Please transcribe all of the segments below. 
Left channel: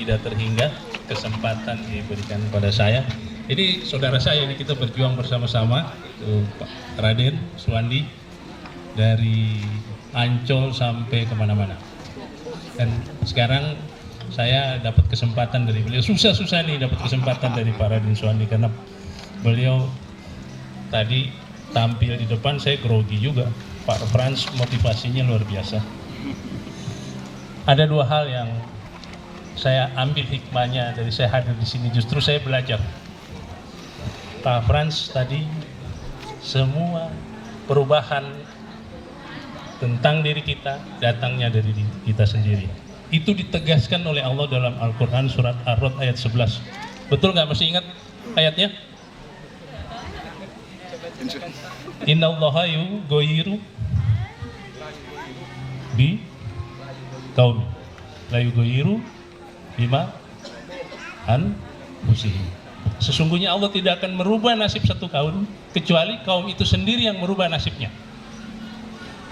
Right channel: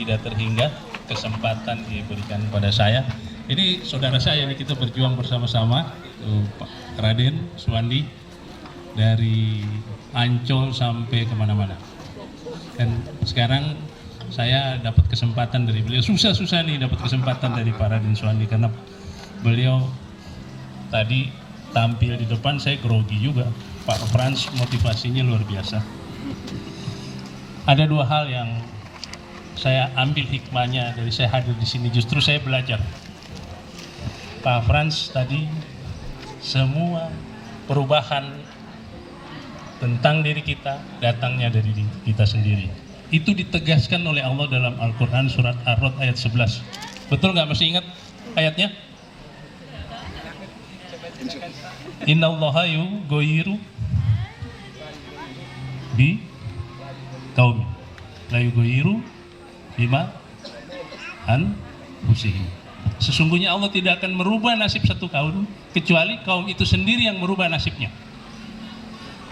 tidak terhingga kesempatan diberikan kepada saya. Ini saudara saya, kita berjuang bersama-sama, Pak Raden Suwandi, dari Ancol sampai kemana-mana. Dan sekarang saya dapat kesempatan dari beliau, susah-susah nih dapat kesempatan dari Pak Raden Suwandi, karena beliau tadi tampil di depan, saya grogi juga. Pak Frans motivasinya luar biasa. Ada dua hal yang saya ambil hikmahnya dari saya hadir di sini, justru saya belajar. Pak Frans tadi, semua perubahan tentang diri kita datangnya dari diri kita sendiri. Itu ditegaskan oleh Allah dalam Al-Quran surat Ar-Rod ayat 11. Betul nggak? Masih ingat ayatnya? Innallaha yughayyiru bi qaumi la yughayyiru bima anfusihim. Sesungguhnya Allah tidak akan merubah nasib satu kaum kecuali kaum itu sendiri yang merubah nasibnya.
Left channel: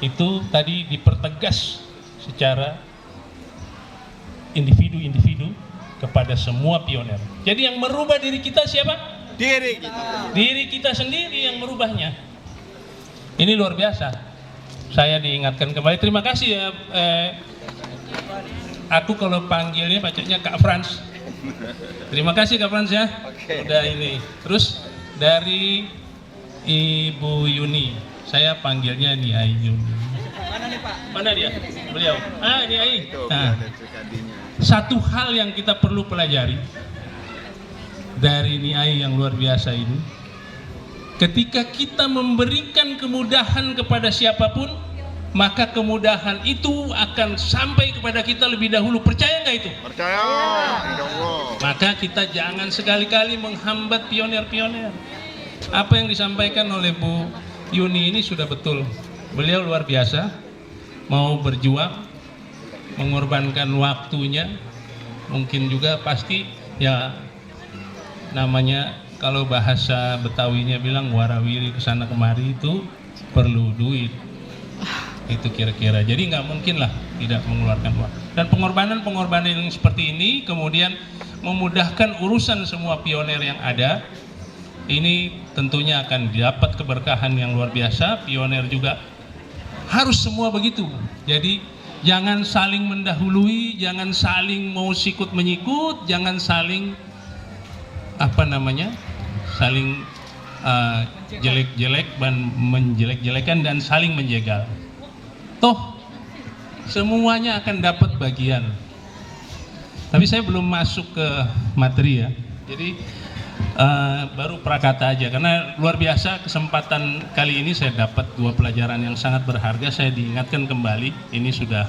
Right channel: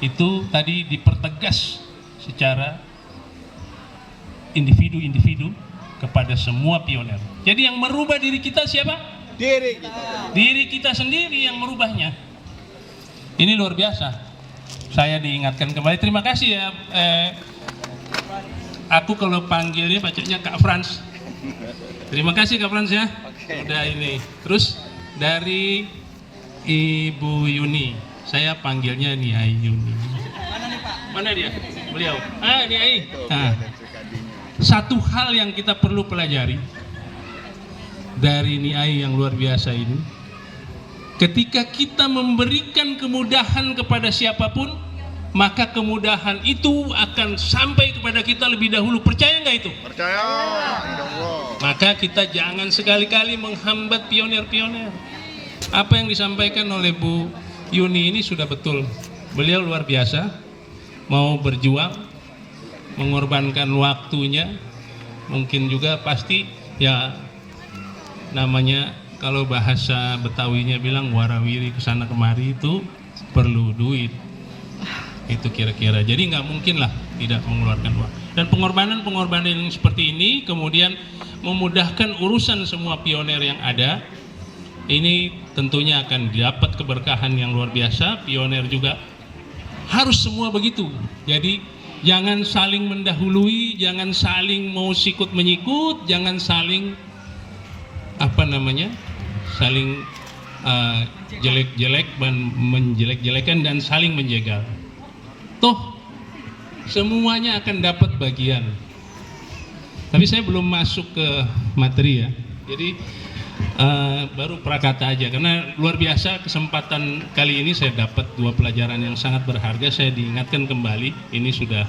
Itu tadi dipertegas secara individu-individu kepada semua pioner. Jadi yang merubah diri kita siapa? Diri kita. Diri kita sendiri yang merubahnya. Ini luar biasa. Saya diingatkan kembali. Terima kasih ya. Aku kalau panggilnya bacanya Kak Frans. Terima kasih Kak Frans ya. Udah ini. Terus dari Ibu Yuni, saya panggilnya Niai Yuni. Mana nih Pak? Mana dia? Beliau. Niai. Nah, satu hal yang kita perlu pelajari dari Niai yang luar biasa ini, ketika kita memberikan kemudahan kepada siapapun, maka kemudahan itu akan sampai kepada kita lebih dahulu. Percaya nggak itu? Percaya, insyaallah. Maka kita jangan sekali-kali menghambat pioner-pioner. Apa yang disampaikan oleh Bu Yuni ini sudah betul. Beliau luar biasa, mau berjuang, mengorbankan waktunya, mungkin juga pasti ya namanya kalau bahasa Betawinya bilang warawiri kesana kemari, itu perlu duit. Itu kira-kira. Jadi nggak mungkin lah tidak mengeluarkan uang. Dan pengorbanan yang seperti ini kemudian memudahkan urusan semua pioner yang ada. Ini tentunya akan dapat keberkahan yang luar biasa. Pioner juga harus semua begitu. Jadi jangan saling mendahului, jangan saling mau sikut menyikut, jangan saling saling jelek-jelek dan menjelek-jelekan dan saling menjegal. Toh semuanya akan dapat bagian. Tapi saya belum masuk ke materi ya. Jadi baru prakata aja, karena luar biasa kesempatan kali ini saya dapat dua pelajaran yang sangat berharga. Saya diingatkan kembali, ini sudah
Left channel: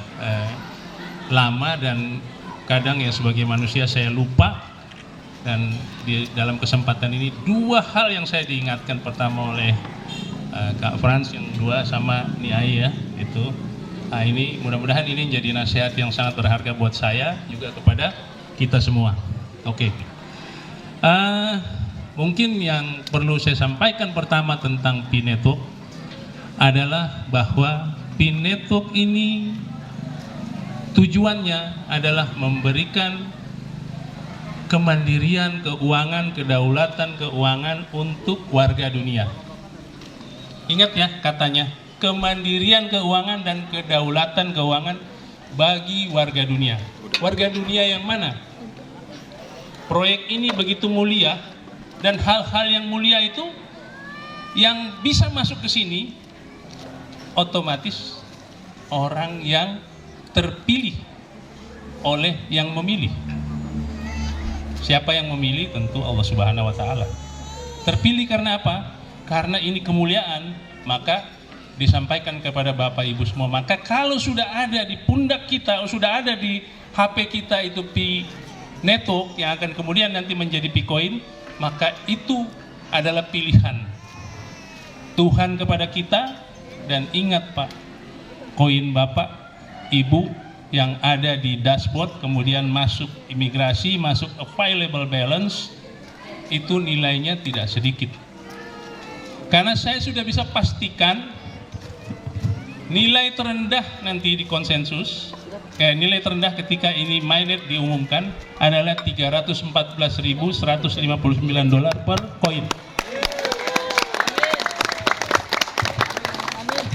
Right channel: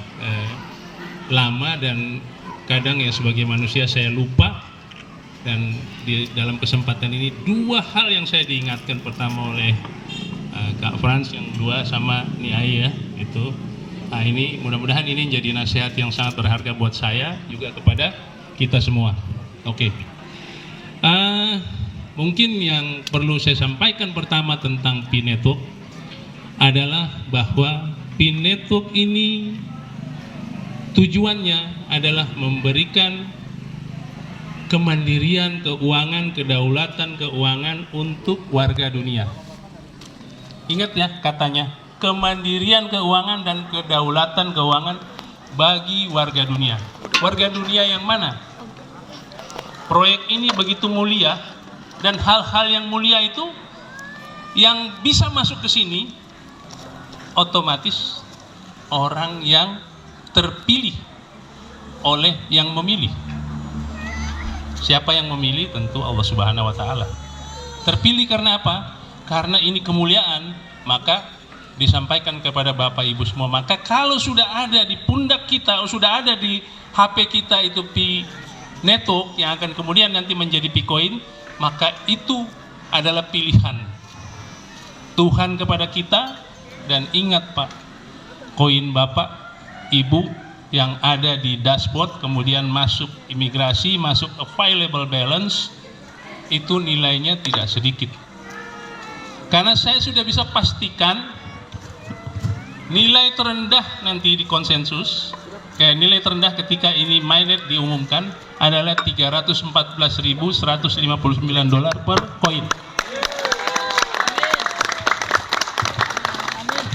lama dan kadang ya sebagai manusia saya lupa. Dan di dalam kesempatan ini dua hal yang saya diingatkan, pertama oleh Kak Frans, yang kedua sama Niai ya, itu. Nah ini mudah-mudahan ini jadi nasihat yang sangat berharga buat saya juga kepada kita semua. Oke. Mungkin yang perlu saya sampaikan pertama tentang P-Network adalah bahwa P-Network ini tujuannya adalah memberikan kemandirian keuangan, kedaulatan keuangan untuk warga dunia. Ingat ya katanya, kemandirian keuangan dan kedaulatan keuangan bagi warga dunia. Warga dunia yang mana? Proyek ini begitu mulia, dan hal-hal yang mulia itu yang bisa masuk ke sini otomatis orang yang terpilih oleh yang memilih. Siapa yang memilih? Tentu Allah Subhanahu wa Ta'ala. Terpilih karena apa? Karena ini kemuliaan, maka disampaikan kepada Bapak Ibu semua. Maka kalau sudah ada di pundak kita, sudah ada di HP kita itu P-Network yang akan kemudian nanti menjadi P-Coin, maka itu adalah pilihan Tuhan kepada kita. Dan ingat Pak, koin Bapak, Ibu yang ada di dashboard, kemudian masuk imigrasi, masuk available balance, itu nilainya tidak sedikit. Karena saya sudah bisa pastikan nilai terendah nanti di konsensus Nilai terendah ketika ini mainnet diumumkan adalah $314.159 per koin.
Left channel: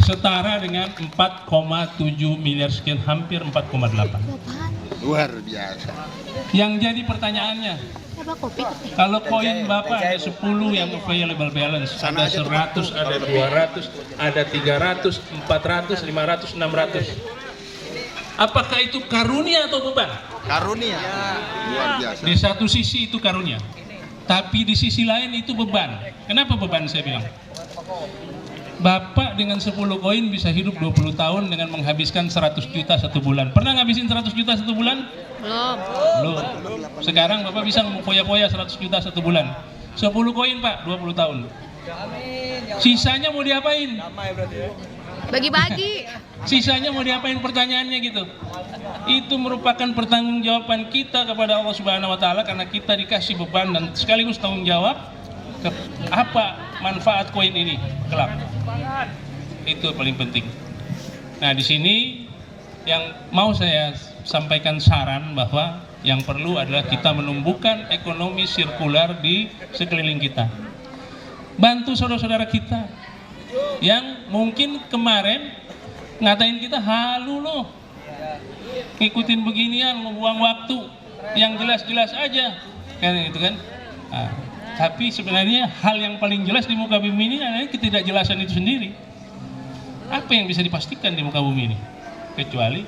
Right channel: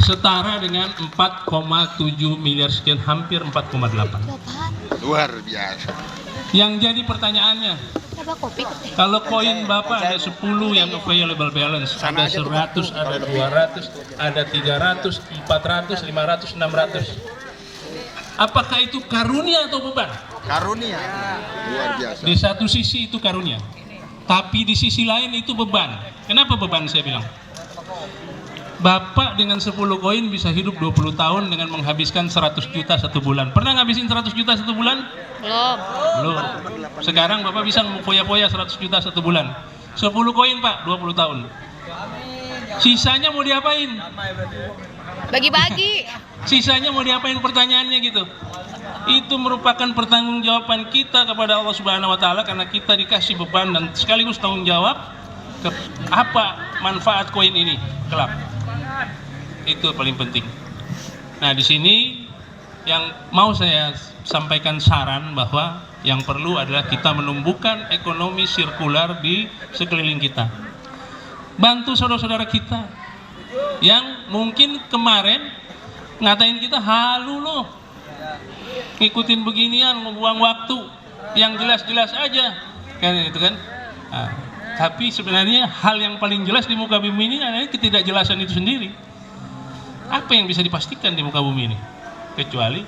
Setara dengan 4,7 miliar sekian, hampir 4,8. Luar biasa. Yang jadi pertanyaannya, kalau koin Bapak ada 10 yang available balance, ada 100, ada 200, ada 300, 400, 500, 600. Apakah itu karunia atau beban? Karunia. Luar biasa. Di satu sisi itu karunia, tapi di sisi lain itu beban. Kenapa beban saya bilang? Bapak dengan 10 koin bisa hidup 20 tahun dengan menghabiskan 100 juta satu bulan. Pernah ngabisin 100 juta satu bulan? Belum. Sekarang Bapak bisa foya-foya 100 juta satu bulan. 10 koin Pak, 20 tahun. Sisanya mau diapain? Bagi-bagi. Sisanya mau diapain, pertanyaannya gitu. Itu merupakan pertanggungjawaban kita kepada Allah Subhanahu wa taala, karena kita dikasih beban dan sekaligus tanggung jawab apa manfaat koin ini kelak. Itu paling penting. Nah, di sini yang mau saya sampaikan saran bahwa yang perlu adalah kita menumbuhkan ekonomi sirkular di sekeliling kita. Bantu saudara-saudara kita yang mungkin kemarin ngatain kita, halu loh, ngikutin beginian, membuang waktu, yang jelas-jelas aja, kan itu kan. Nah, tapi sebenarnya hal yang paling jelas di muka bumi ini adalah ketidakjelasan itu sendiri. Apa yang bisa dipastikan di muka bumi ini kecuali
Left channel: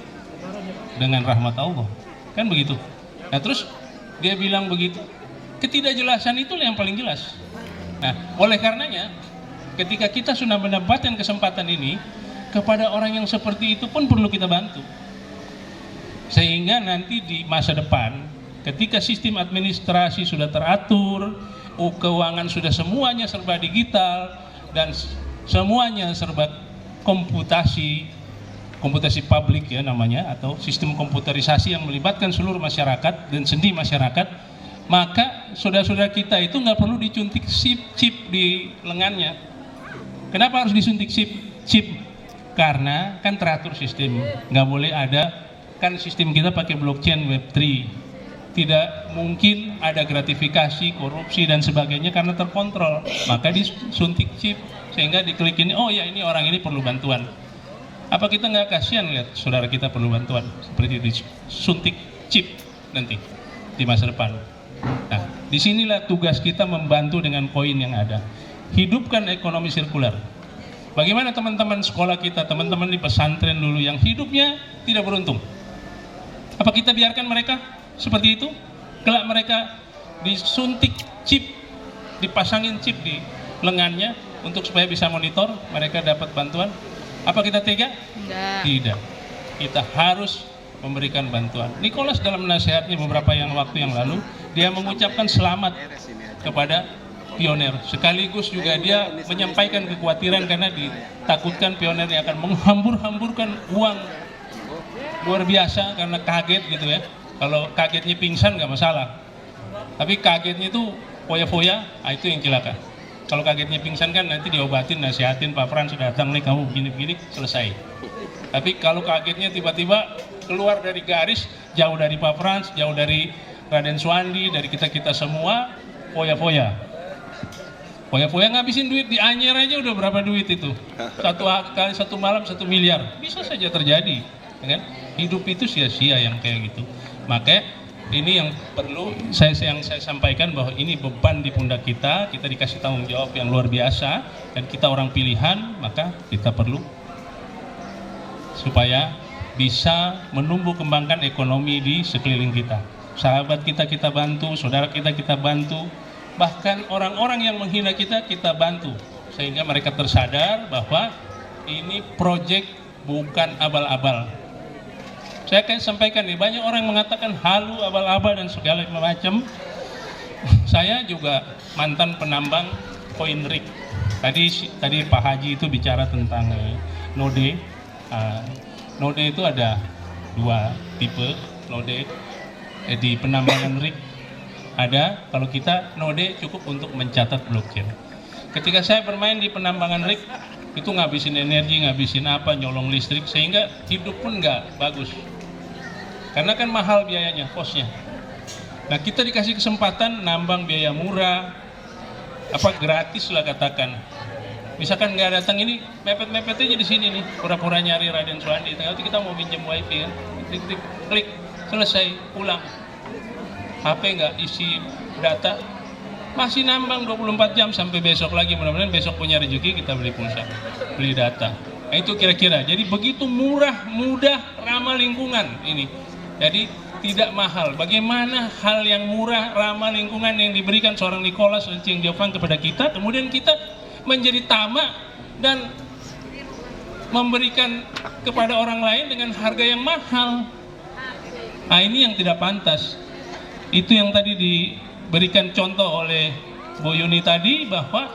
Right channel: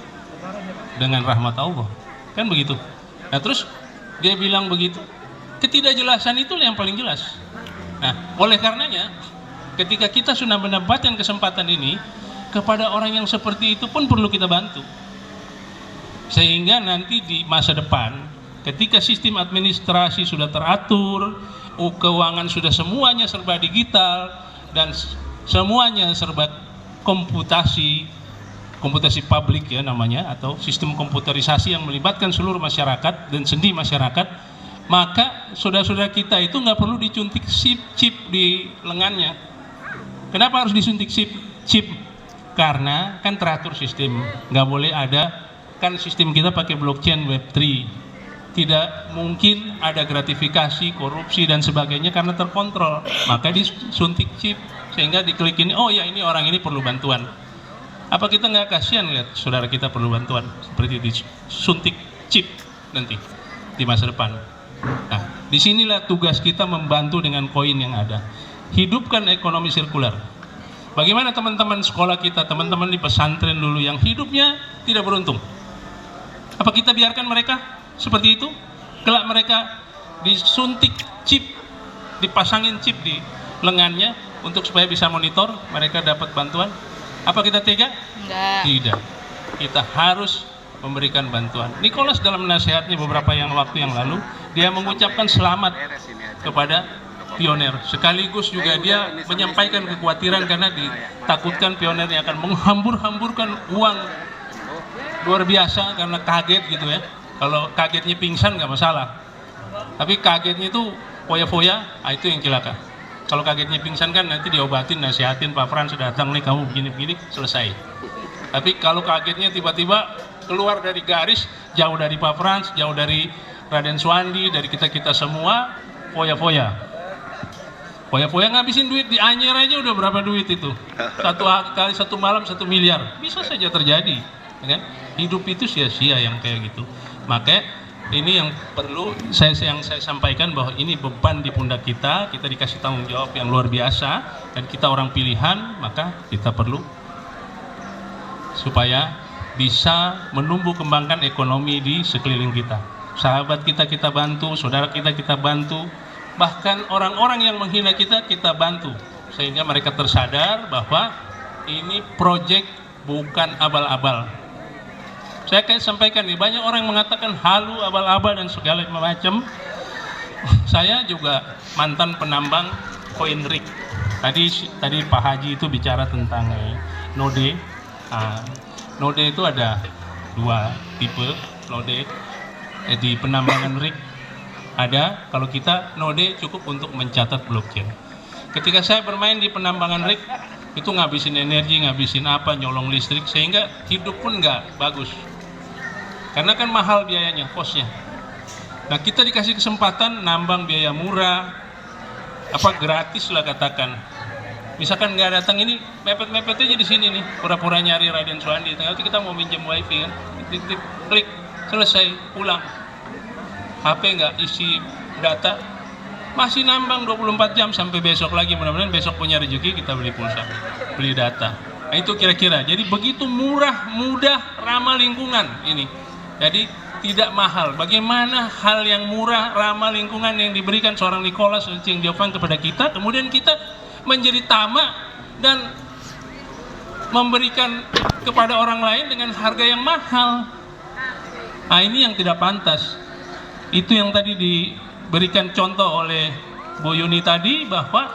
dengan rahmat Allah, kan begitu. Nah, terus dia bilang begitu, ketidakjelasan itulah yang paling jelas. Nah, oleh karenanya ketika kita sudah mendapatkan kesempatan ini, kepada orang yang seperti itu pun perlu kita bantu, sehingga nanti di masa depan ketika sistem administrasi sudah teratur, keuangan sudah semuanya serba digital dan semuanya serba komputasi publik ya namanya, atau sistem komputerisasi yang melibatkan seluruh masyarakat dan sendi masyarakat, maka saudara-saudara kita itu nggak perlu disuntik chip di lengannya. Kenapa harus disuntik chip? Karena kan teratur sistem, nggak boleh ada, kan sistem kita pakai blockchain Web3, tidak mungkin ada gratifikasi, korupsi dan sebagainya karena terkontrol. Maka disuntik chip sehingga diklik ini, oh ya ini orang ini perlu bantuan. Apa kita nggak kasihan lihat saudara kita perlu bantuan seperti disuntik chip nanti di masa depan? Nah, disinilah tugas kita membantu dengan koin yang ada. Hidupkan ekonomi sirkular. Bagaimana teman-teman sekolah kita, teman-teman di pesantren dulu yang hidupnya tidak beruntung? Apa kita biarkan mereka seperti itu? Kelak mereka disuntik chip, dipasangin chip di lengannya untuk supaya bisa monitor, mereka dapat bantuan. Apa kita tega? Enggak. Tidak. Kita harus memberikan bantuan. Nicholas dalam nasihatnya beberapa waktu yang lalu, dia mengucapkan selamat kepada pioner. Sekaligus juga dia menyampaikan kekhawatiran karena ditakutkan pionernya akan menghambur-hamburkan uang luar biasa karena kaget gitu ya. Kalau kagetnya pingsan nggak masalah, tapi kagetnya itu foya-foya, itu yang celaka. Kalau kagetnya pingsan kan nanti diobatin, nasihatin, Pak Frans sudah datang nih, kamu begini-begini, selesai. Tapi kalau kagetnya tiba-tiba keluar dari garis, jauh dari Pak Frans, jauh dari Raden Suwandi, dari kita-kita semua, foya-foya. Foya-foya ngabisin duit di Anyer aja udah berapa duit itu? Satu malam 1 miliar, bisa saja terjadi, kan? Hidup itu sia-sia yang kayak gitu. Maka ini yang perlu saya sampaikan, bahwa ini beban di pundak kita dikasih tanggung jawab yang luar biasa, dan kita orang pilihan, maka kita perlu supaya bisa menumbuh kembangkan ekonomi di sekeliling kita. Sahabat kita bantu, saudara kita bantu, bahkan orang-orang yang menghina kita bantu, sehingga mereka tersadar bahwa ini proyek bukan abal-abal. Saya akan sampaikan nih, banyak orang mengatakan halu, abal-abal dan segala macam. Saya juga mantan penambang koin rig. Tadi Pak Haji itu bicara tentang node. Node itu ada 2 tipe node di penambangan rig. Ada, kalau kita node cukup untuk mencatat blockchain. Ketika saya bermain di penambangan rig, itu ngabisin energi, ngabisin nyolong listrik, sehingga hidup pun nggak bagus. Karena kan mahal biayanya, kosnya. Nah, kita dikasih kesempatan nambang biaya murah, gratis lah katakan. Misalkan nggak datang ini, mepet-mepet aja di sini nih, pura-pura nyari Raden Suwandi. Nanti kita mau minjem wifi kan, klik, selesai, pulang. HP nggak isi data, masih nambang 24 jam sampai besok lagi. Mudah-mudahan besok punya rezeki kita beli pulsa, beli data. Nah, itu kira-kira. Jadi begitu murah, mudah, ramah lingkungan ini. Jadi tidak mahal. Bagaimana hal yang murah, ramah lingkungan yang diberikan seorang Nicholas Ching Diopang kepada kita, kemudian kita menjadi tamak dan memberikan kepada orang lain dengan harga yang mahal. Nah, ini yang tidak pantas. Itu yang tadi diberikan contoh oleh Bu Yuni tadi, bahwa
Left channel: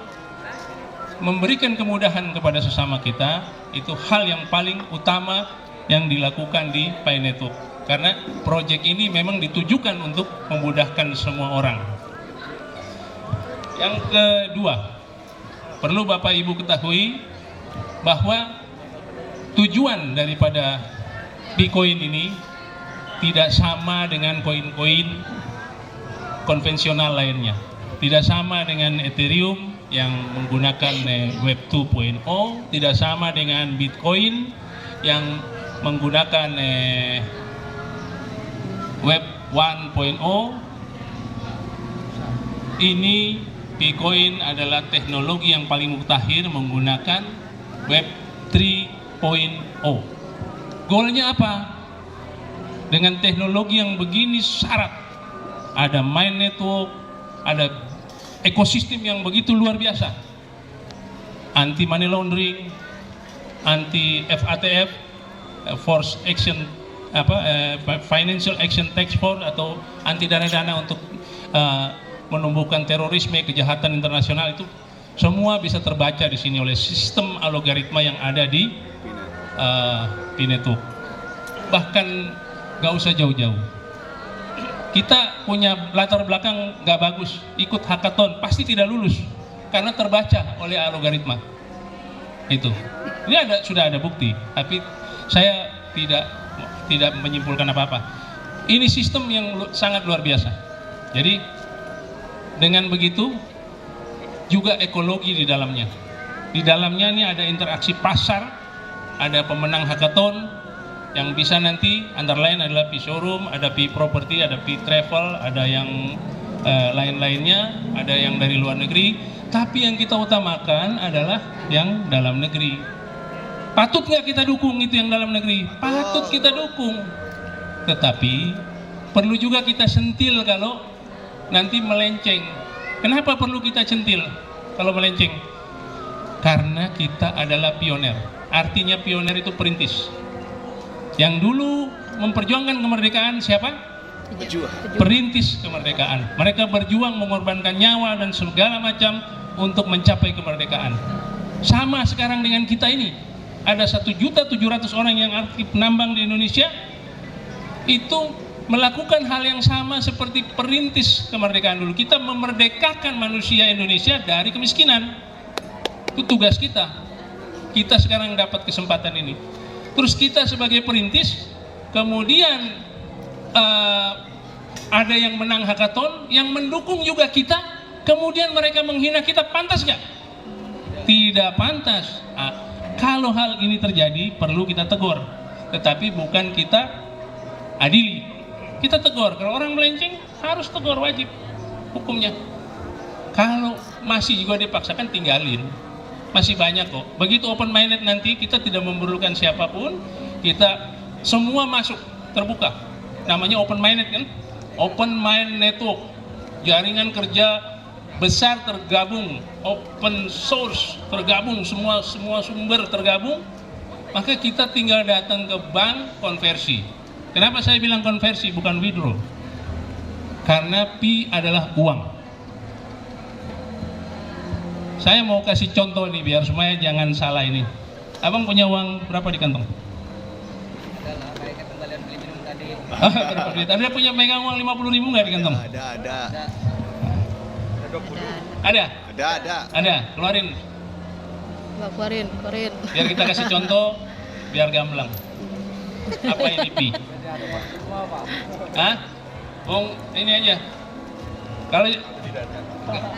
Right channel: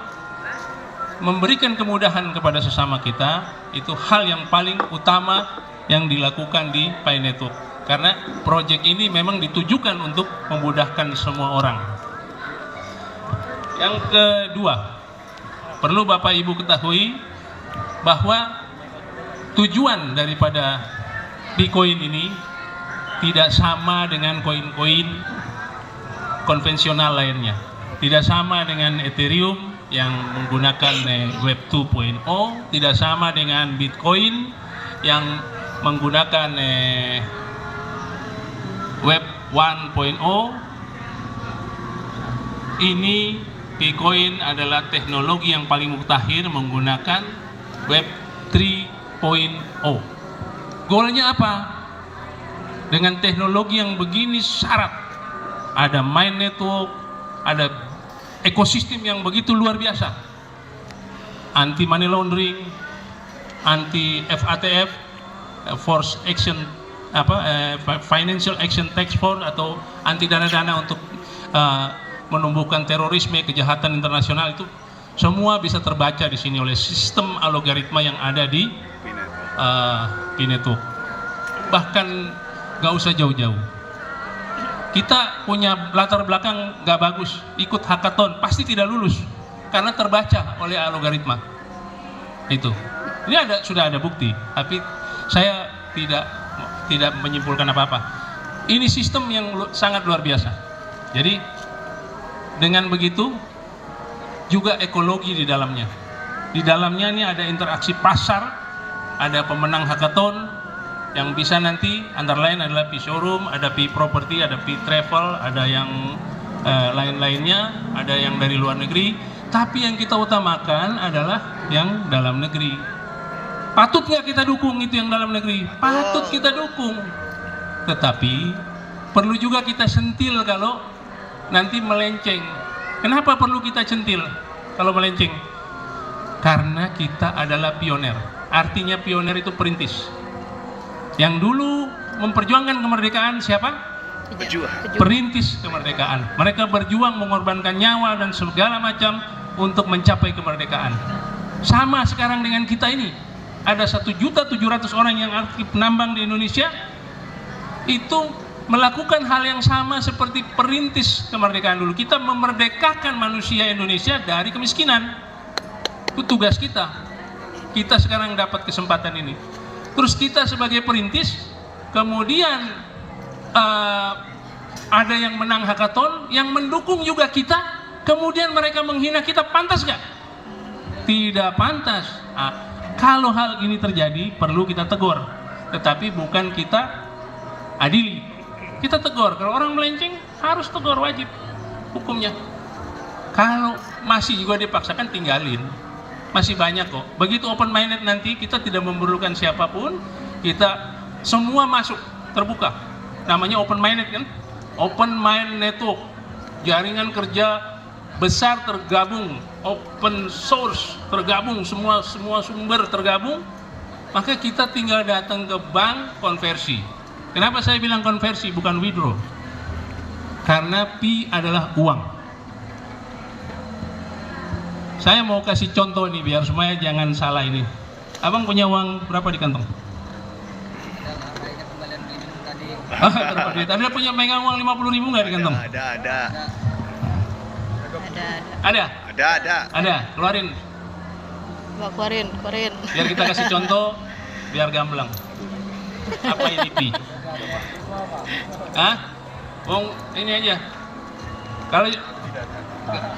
memberikan kemudahan kepada sesama kita itu hal yang paling utama yang dilakukan di Pi Network. Karena proyek ini memang ditujukan untuk memudahkan semua orang. Yang kedua, perlu Bapak Ibu ketahui bahwa tujuan daripada Bitcoin ini tidak sama dengan koin-koin konvensional lainnya. Tidak sama dengan Ethereum yang menggunakan Web 2.0, tidak sama dengan Bitcoin yang menggunakan Web 1.0. Ini Bitcoin adalah teknologi yang paling mutakhir menggunakan Web 3.0. Goalnya apa? Dengan teknologi yang begini syarat, ada main network, ada ekosistem yang begitu luar biasa, anti money laundering, anti FATF, Force Action Financial Action Task Force, atau anti dana-dana untuk menumbuhkan terorisme, kejahatan internasional. Itu semua bisa terbaca di sini oleh sistem algoritma yang ada di Pi Network. Bahkan gak usah jauh-jauh, kita punya latar belakang gak bagus, ikut hackathon pasti tidak lulus karena terbaca oleh algoritma. Itu ini sudah ada bukti, tapi saya tidak menyimpulkan apa-apa. Ini sistem yang sangat luar biasa. Jadi dengan begitu juga ekologi di dalamnya. Di dalamnya ini ada interaksi pasar, ada pemenang hackathon yang bisa nanti antara lain adalah Pi Showroom, ada Pi Property, ada Pi Travel, ada yang lain-lainnya, ada yang dari luar negeri. Tapi yang kita utamakan adalah yang dalam negeri. Patut nggak kita dukung itu yang dalam negeri? Patut kita dukung. Tetapi perlu juga kita sentil kalau nanti melenceng. Kenapa perlu kita sentil kalau melenceng? Karena kita adalah pioner. Artinya pioner itu perintis. Yang dulu memperjuangkan kemerdekaan siapa? Perintis kemerdekaan. Mereka berjuang mengorbankan nyawa dan segala macam untuk mencapai kemerdekaan. Sama sekarang dengan kita ini. Ada 1.700.000 orang yang aktif nambang di Indonesia, itu melakukan hal yang sama seperti perintis kemerdekaan dulu. Kita memerdekakan manusia Indonesia dari kemiskinan. Itu tugas kita. Kita sekarang dapat kesempatan ini. Terus kita sebagai perintis, kemudian ada yang menang hackathon, yang mendukung juga kita, kemudian mereka menghina kita, pantas nggak? Tidak pantas. Kalau hal ini terjadi, perlu kita tegur, tetapi bukan kita adili. Kita tegur. Kalau orang melenceng, harus tegur, wajib hukumnya. Kalau masih juga dipaksakan, tinggalin. Masih banyak kok. Begitu open minded nanti, kita tidak memerlukan siapapun, kita semua masuk, terbuka. Namanya open minded kan? Open mind network, jaringan kerja besar tergabung, open source tergabung, semua sumber tergabung. Maka kita tinggal datang ke bank, konversi. Kenapa saya bilang konversi bukan withdraw? Karena Pi adalah uang. Saya mau kasih contoh nih biar semuanya jangan salah ini. Abang punya uang berapa di kantong? Berapa duit? Ada punya megang uang 50.000 nggak di kantong? Ada. Keluarin. Keluarin. Biar kita kasih contoh, biar gamblang. Apa ini Pi? Hah? Ini aja. Kalau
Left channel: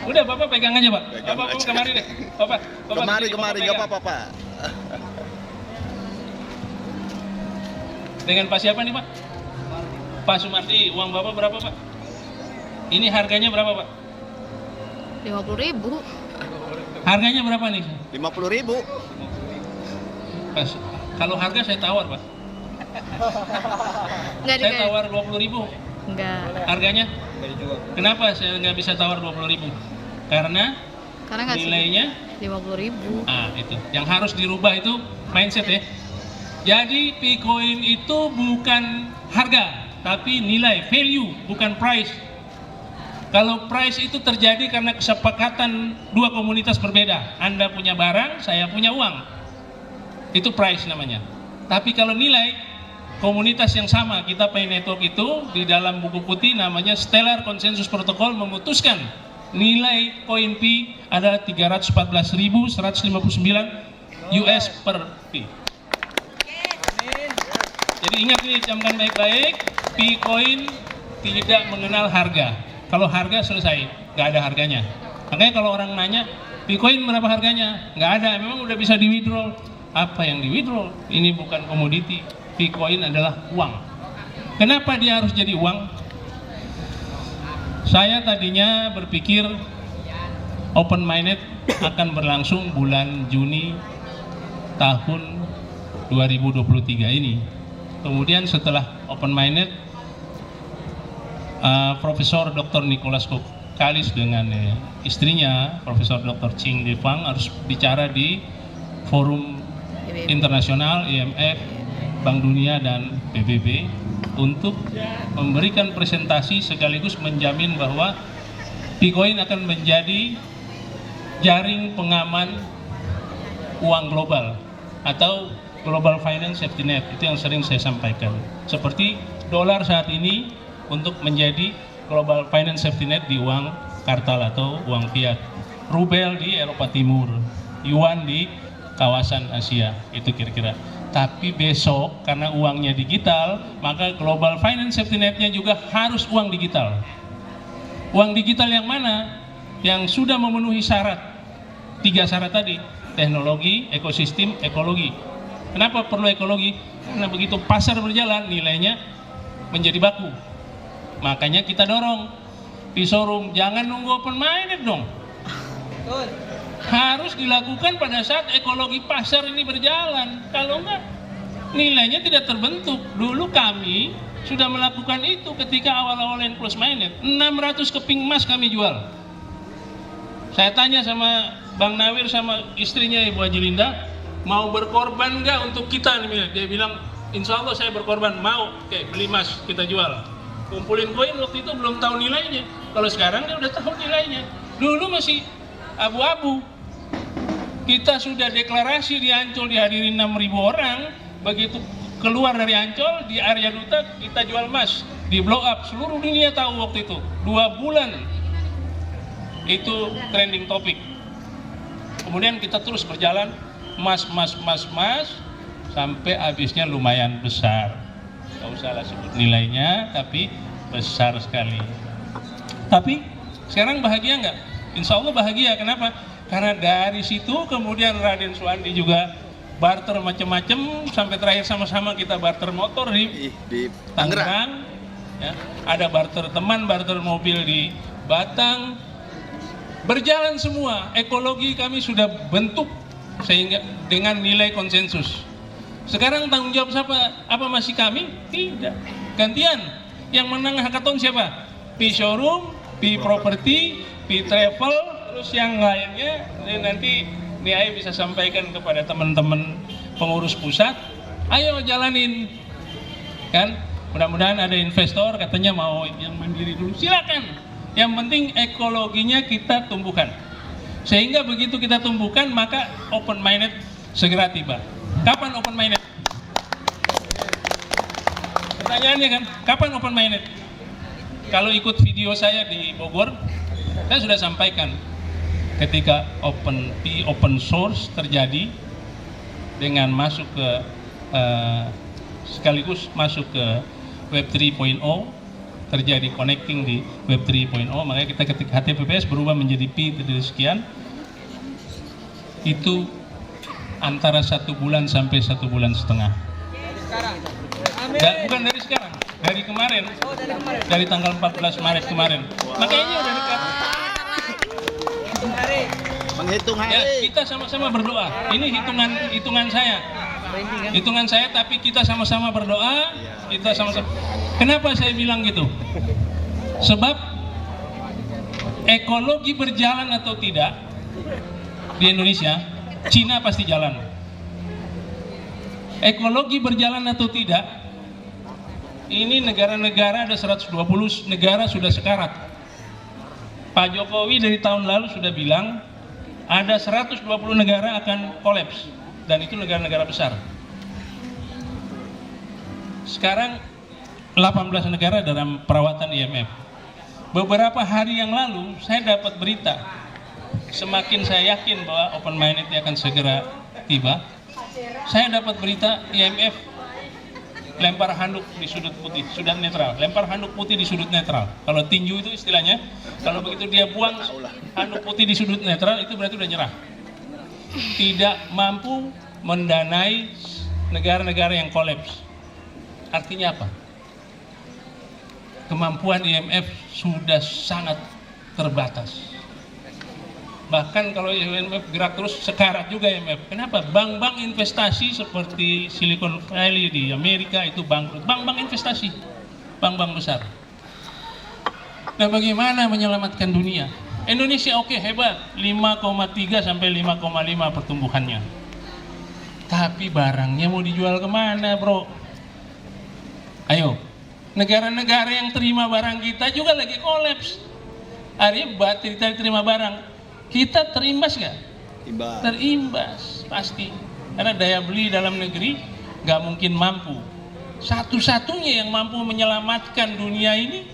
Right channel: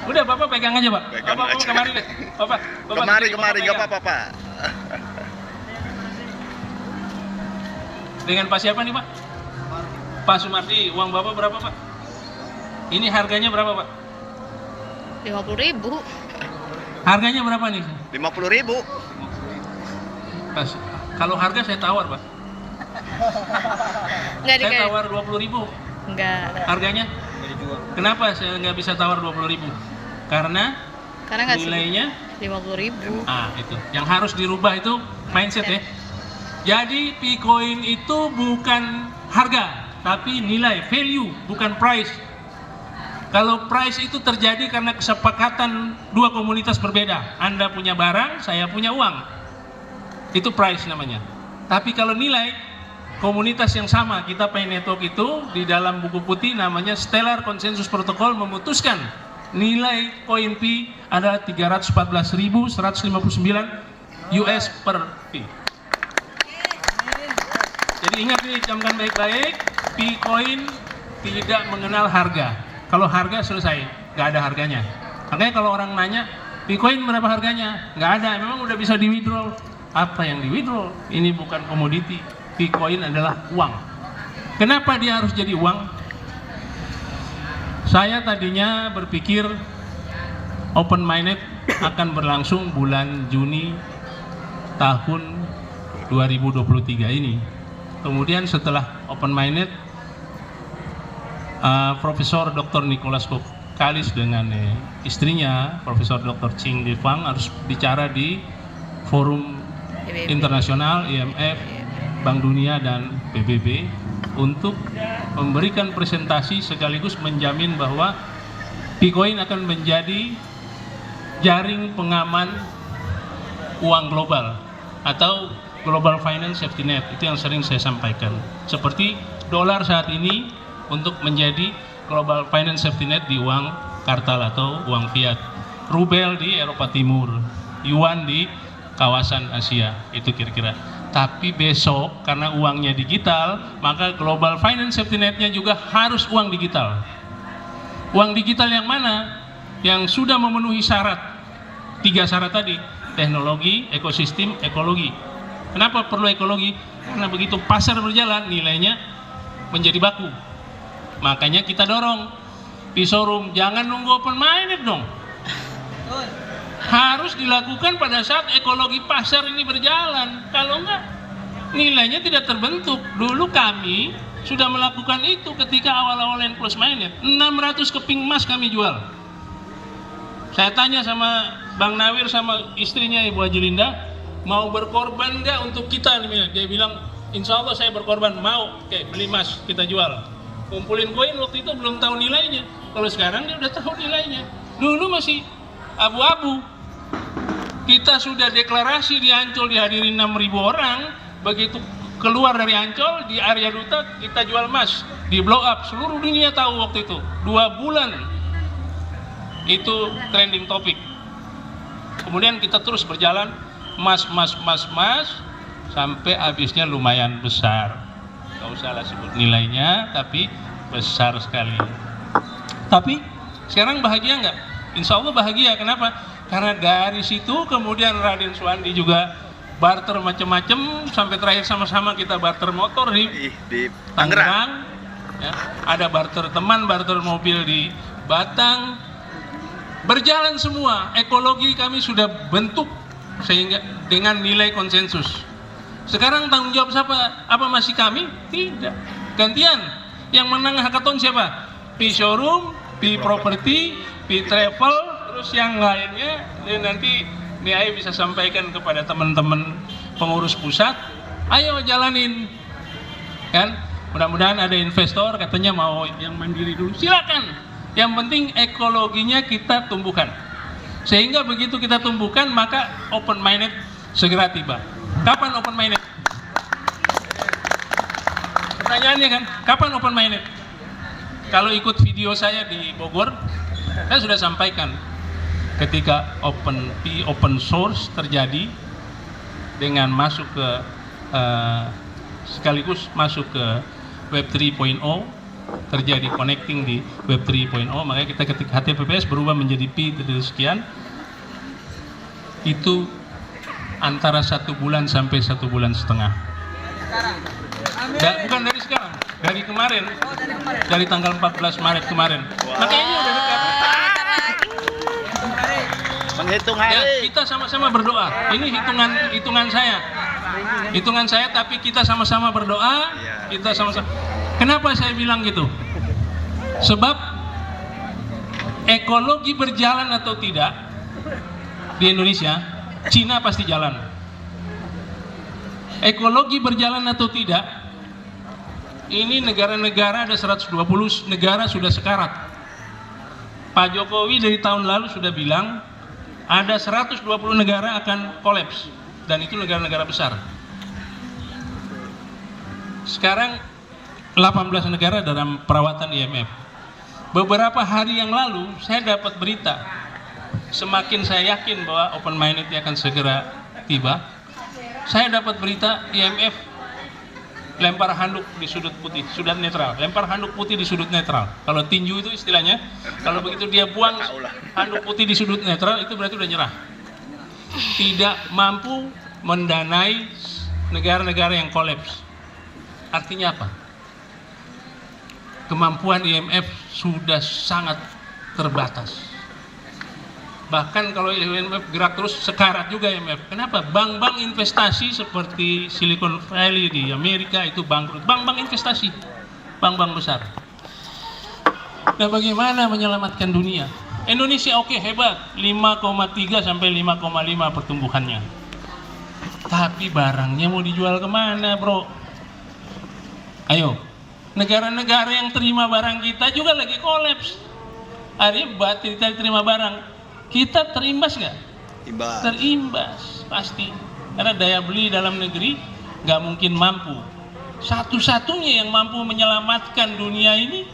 udah Bapak pegang aja, Pak. Pegang Bapak aja. kemari deh. Bapak Kemari, Bapak nggak pegang. apa-apa, Pak. Dengan Pak siapa nih, Pak? Pak Sumardi. Uang Bapak berapa, Pak? Ini harganya berapa, Pak? 50.000. Harganya berapa nih? 50.000. Pas. Kalau harga saya tawar, Pak. Enggak Saya tawar 20.000 Enggak. harganya. Kenapa saya nggak bisa tawar 20.000? Karena Karena nggak nilainya 50.000. itu. Yang harus dirubah itu mindset ya. Jadi Picoin itu bukan harga, tapi nilai, value, bukan price. Kalau price itu terjadi karena kesepakatan dua komunitas berbeda. Anda punya barang, saya punya uang. Itu price namanya. Tapi kalau nilai, komunitas yang sama, kita Pay Network itu di dalam buku putih namanya Stellar Consensus Protocol memutuskan nilai koin Pi adalah 314.159 US per Pi. Jadi ingat nih, camkan baik-baik, Picoin tidak mengenal harga. Kalau harga selesai, nggak ada harganya. Makanya kalau orang nanya, Picoin berapa harganya? Nggak ada, memang udah bisa di withdraw. Apa yang di withdraw? Ini bukan komoditi. Picoin adalah uang. Kenapa dia harus jadi uang? Saya tadinya berpikir open minded akan berlangsung bulan Juni tahun 2023 ini. Kemudian setelah open minded, Profesor Dr. Nicholas Kalis dengan istrinya Profesor Dr. Ching Li Fang harus bicara di forum internasional IMF, Bank Dunia dan PBB untuk memberikan presentasi sekaligus menjamin bahwa Picoin akan menjadi jaring pengaman uang global atau Global Finance Safety Net. Itu yang sering saya sampaikan. Seperti dolar saat ini untuk menjadi Global Finance Safety Net di uang kartal atau uang fiat, rubel di Eropa Timur, yuan di kawasan Asia, itu kira-kira. Tapi besok karena uangnya digital, maka Global Finance Safety Net-nya juga harus uang digital. Uang digital yang mana? Yang sudah memenuhi syarat, 3 syarat tadi, teknologi, ekosistem, ekologi. Kenapa perlu ekologi? Karena begitu pasar berjalan, nilainya menjadi baku. Makanya kita dorong di showroom, jangan nunggu open minded dong. Harus dilakukan pada saat ekologi pasar ini berjalan. Kalau enggak, nilainya tidak terbentuk. Dulu kami sudah melakukan itu ketika awal-awal yang close minded. 600 keping emas kami jual. Saya tanya sama Bang Nawir sama istrinya Ibu Haji Linda, mau berkorban nggak untuk kita? Dia bilang, insya Allah saya berkorban, mau. Oke, beli emas, kita jual. Kumpulin koin, waktu itu belum tahu nilainya. Kalau sekarang dia udah tahu nilainya. Dulu masih abu-abu. Kita sudah deklarasi di Ancol, dihadiri 6.000 orang. Begitu keluar dari Ancol, di area duta kita jual emas. Di blow up, seluruh dunia tahu waktu itu. 2 bulan itu trending topik. Kemudian kita terus berjalan, emas, sampai habisnya lumayan besar. Gak usah lah sebut nilainya, tapi besar sekali. Tapi sekarang bahagia nggak? Insya Allah bahagia. Kenapa? Karena dari situ kemudian Raden Suwandi juga barter macam-macam, sampai terakhir sama-sama kita barter motor di Tangerang. Ya, ada barter teman, barter mobil di Batang. Berjalan semua, ekologi kami sudah bentuk sehingga dengan nilai konsensus. Sekarang tanggung jawab siapa? Apa masih kami? Tidak. Gantian. Yang menang hackathon siapa? Pi Showroom, Pi Property, Pi Travel, terus yang lainnya nanti BI bisa sampaikan kepada teman-teman pengurus pusat. Ayo jalanin. Kan? Mudah-mudahan ada investor katanya mau yang mandiri dulu. Silakan. Yang penting ekologinya kita tumbuhkan. Sehingga begitu kita tumbuhkan, maka open minded segera tiba. Kapan open minded? Pertanyaannya kan, kapan open minded? Kalau ikut video saya di Bogor, saya sudah sampaikan ketika open source terjadi dengan masuk ke sekaligus masuk ke Web 3.0, terjadi connecting di Web 3.0, makanya kita ketik HTTPS berubah menjadi P dari sekian, itu antara 1 bulan sampai 1,5 bulan. Bukan dari sekarang, dari kemarin, dari tanggal 14 Maret kemarin. Makanya ini udah dekat. Menghitung Ya, hari. kita sama-sama berdoa. Ini hitungan saya. Hitungan saya, tapi kita sama-sama berdoa. Kita sama-sama. Kenapa saya bilang gitu? Sebab ekologi berjalan atau tidak di Indonesia, Cina pasti jalan. Ekologi berjalan atau tidak, ini negara-negara ada 120 negara sudah sekarat. Pak Jokowi dari tahun lalu sudah bilang ada 120 negara akan kolaps, dan itu negara-negara besar. Sekarang 18 negara dalam perawatan IMF. Beberapa hari yang lalu saya dapat berita, semakin saya yakin bahwa open minded akan segera tiba, saya dapat berita IMF lempar handuk di sudut putih, sudut netral. Lempar handuk putih di sudut netral. Kalau tinju itu istilahnya, kalau begitu dia buang handuk putih di sudut netral, itu berarti udah nyerah. Tidak mampu mendanai negara-negara yang kolaps. Artinya apa? Kemampuan IMF sudah sangat terbatas. Bahkan kalau IMF gerak terus, sekarat juga IMF. Kenapa? Bank-bank investasi seperti Silicon Valley di Amerika itu bangkrut. Bank-bank investasi, bank-bank besar. Nah, bagaimana menyelamatkan dunia? Indonesia oke, hebat, 5,3 sampai 5,5 pertumbuhannya. Tapi barangnya mau dijual kemana, bro? Ayo, negara-negara yang terima barang kita juga lagi kolaps. Artinya kita terima barang, kita terimbas nggak? Terimbas, pasti. Karena daya beli dalam negeri nggak mungkin mampu. Satu-satunya yang mampu menyelamatkan dunia ini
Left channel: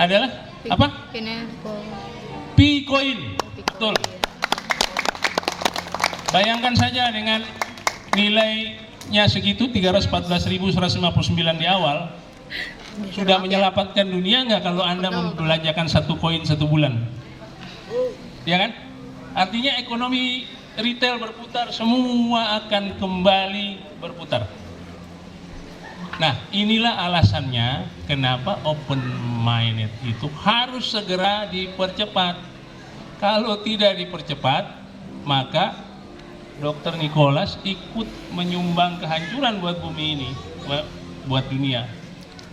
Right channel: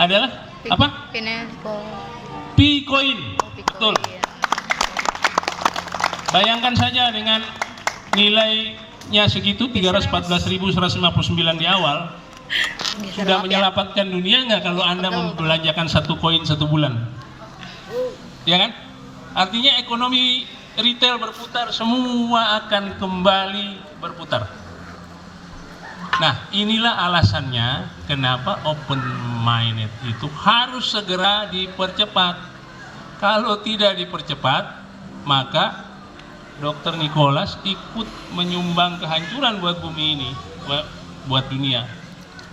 adalah apa? P-Coin. Betul. Bayangkan saja dengan nilainya segitu, 314.159 di awal, sudah menyelamatkan dunia nggak kalau Anda membelanjakan 1 koin 1 bulan? Ya kan? Artinya ekonomi retail berputar, semua akan kembali berputar. Nah, inilah alasannya kenapa open minded itu harus segera dipercepat. Kalau tidak dipercepat, maka Dr. Nicholas ikut menyumbang kehancuran buat bumi ini, buat dunia.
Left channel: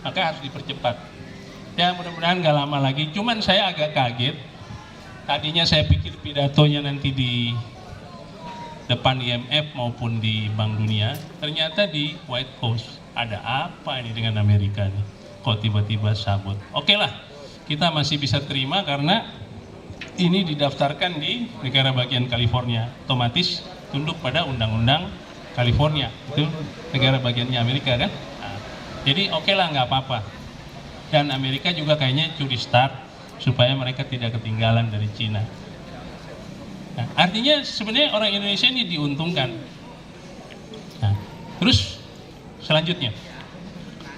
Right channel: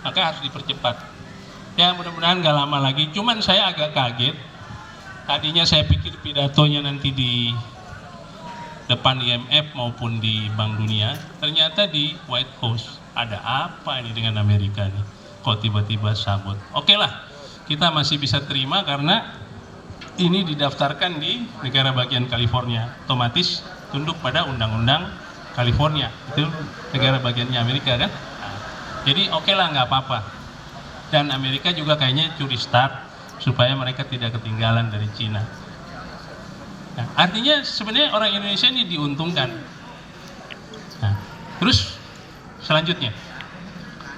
Maka harus dipercepat. Ya, mudah-mudahan gak lama lagi. Cuman saya agak kaget. Tadinya saya pikir pidatonya nanti di depan IMF maupun di Bank Dunia, ternyata di White House. Ada apa ini dengan Amerika nih? Kok tiba-tiba sabot? Oke lah, kita masih bisa terima karena ini didaftarkan di negara bagian California. Otomatis tunduk pada undang-undang California. Itu negara bagiannya Amerika kan? Nah, jadi oke lah, nggak apa-apa. Dan Amerika juga kayaknya curi start supaya mereka tidak ketinggalan dari Cina. Nah, artinya sebenarnya orang Indonesia ini diuntungkan. Nah, terus selanjutnya,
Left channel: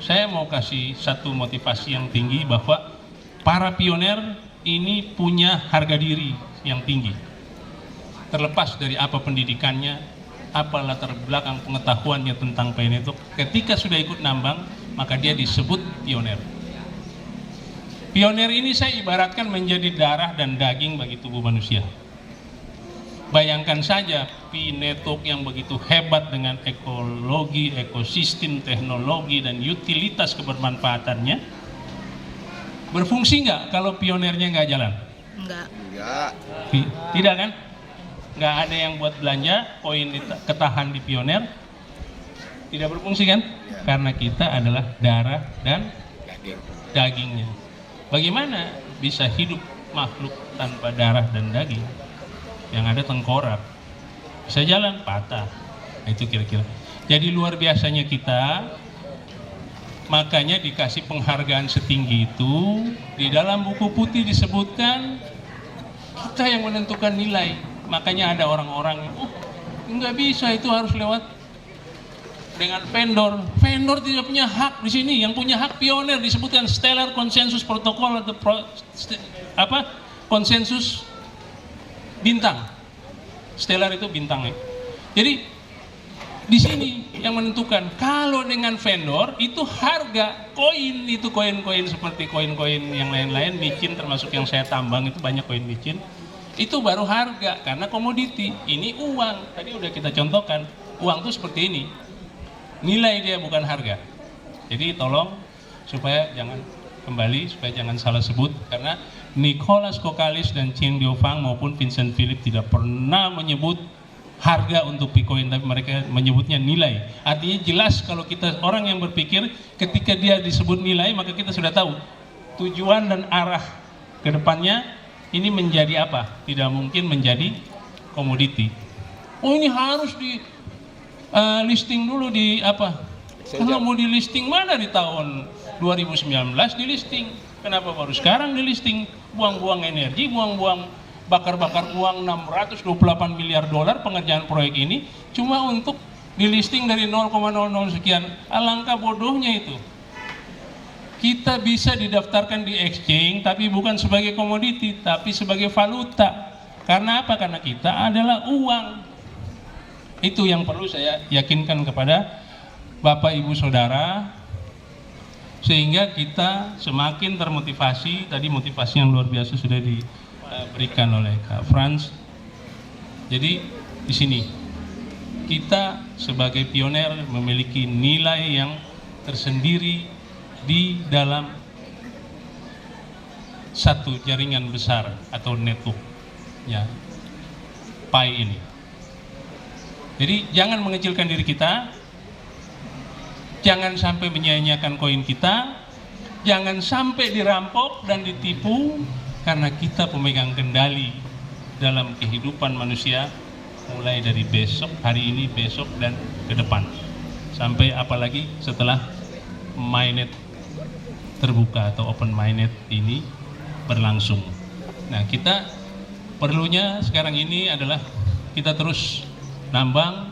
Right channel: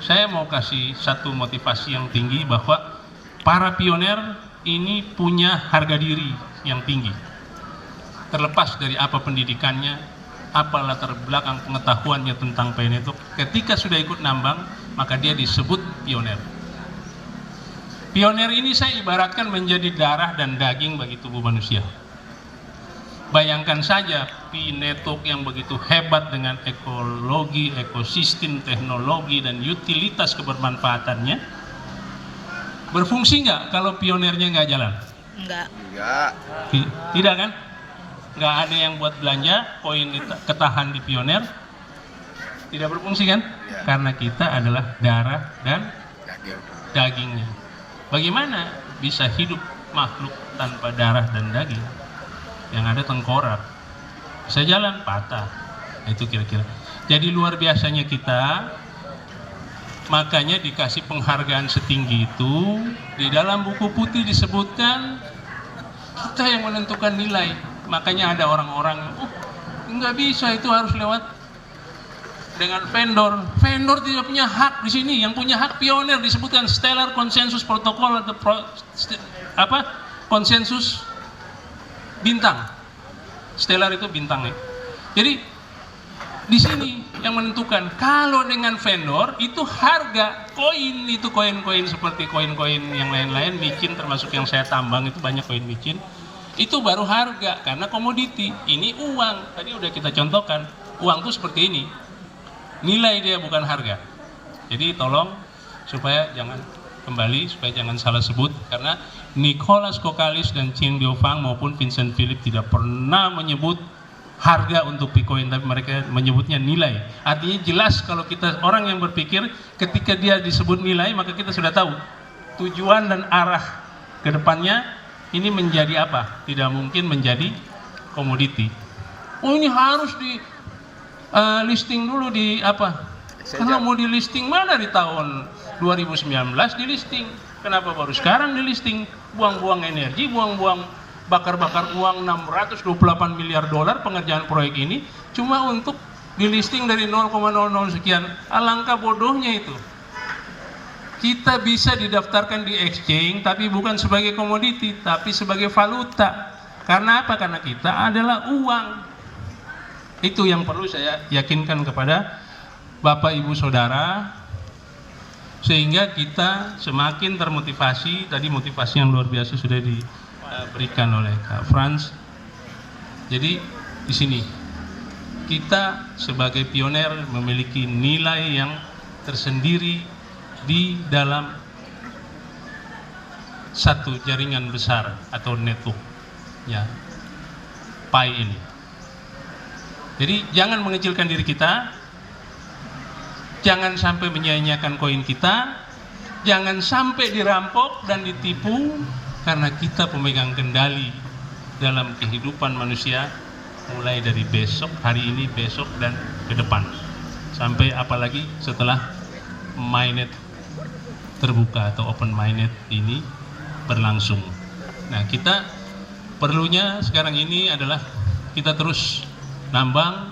saya mau kasih satu motivasi yang tinggi bahwa para pioner ini punya harga diri yang tinggi. Terlepas dari apa pendidikannya, apa latar belakang pengetahuannya tentang pioner itu, ketika sudah ikut nambang, maka dia disebut pioner. Pioner ini saya ibaratkan menjadi darah dan daging bagi tubuh manusia. Bayangkan saja P-Network yang begitu hebat dengan ekologi, ekosistem, teknologi, dan utilitas kebermanfaatannya. Berfungsi nggak kalau pionernya nggak jalan? Enggak. Tidak kan? Nggak ada yang buat belanja, koin ketahan di pioner. Tidak berfungsi kan? Karena kita adalah darah dan dagingnya. Bagaimana bisa hidup makhluk tanpa darah dan daging? Yang ada tengkorak, bisa jalan patah. Itu kira-kira. Jadi luar biasanya kita, makanya dikasih penghargaan setinggi itu. Di dalam buku putih disebutkan kita yang menentukan nilai. Makanya ada orang-orang, nggak bisa, itu harus lewat dengan vendor. Vendor tidak punya hak di sini. Yang punya hak pioner disebutkan Stellar Consensus Protocol atau konsensus bintang. Stellar itu bintang ya. Jadi di sini yang menentukan. Kalau dengan vendor itu harga koin itu koin-koin seperti koin-koin yang lain-lain, micin termasuk yang saya tambang itu banyak koin micin. Itu baru harga karena komoditi. Ini uang. Tadi udah kita contohkan. Uang itu seperti ini. Nilai dia bukan harga. Jadi tolong supaya jangan kembali, supaya jangan salah sebut, karena Nicholas Kokalis dan Ching Diofang maupun Vincent Philip tidak pernah menyebut harga untuk Bitcoin, tapi mereka menyebutnya nilai. Artinya jelas kalau kita orang yang berpikir ketika dia disebut nilai, maka kita sudah tahu tujuan dan arah ke depannya ini menjadi apa. Tidak mungkin menjadi komoditi. Oh, ini harus di listing dulu di apa? Kalau mau di listing mana di tahun 2019 di listing? Kenapa baru sekarang di listing? Buang-buang energi, buang-buang bakar-bakar uang 628 miliar dolar pengerjaan proyek ini cuma untuk di listing dari 0,00 sekian. Alangkah bodohnya itu. Kita bisa didaftarkan di exchange tapi bukan sebagai komoditi, tapi sebagai valuta. Karena apa? Karena kita adalah uang. Itu yang perlu saya yakinkan kepada Bapak Ibu Saudara, sehingga kita semakin termotivasi. Tadi motivasi yang luar biasa sudah diberikan oleh Kak Frans. Jadi di sini kita sebagai pioner memiliki nilai yang tersendiri di dalam satu jaringan besar atau network ya, Pi ini. Jadi jangan mengecilkan diri kita, jangan sampai menyia-nyiakan koin kita, jangan sampai dirampok dan ditipu, karena kita pemegang kendali dalam kehidupan manusia mulai dari besok, hari ini, besok, dan ke depan. Sampai apalagi setelah mainnet terbuka atau open mainnet ini berlangsung. Nah, kita perlunya sekarang ini adalah kita terus nambang,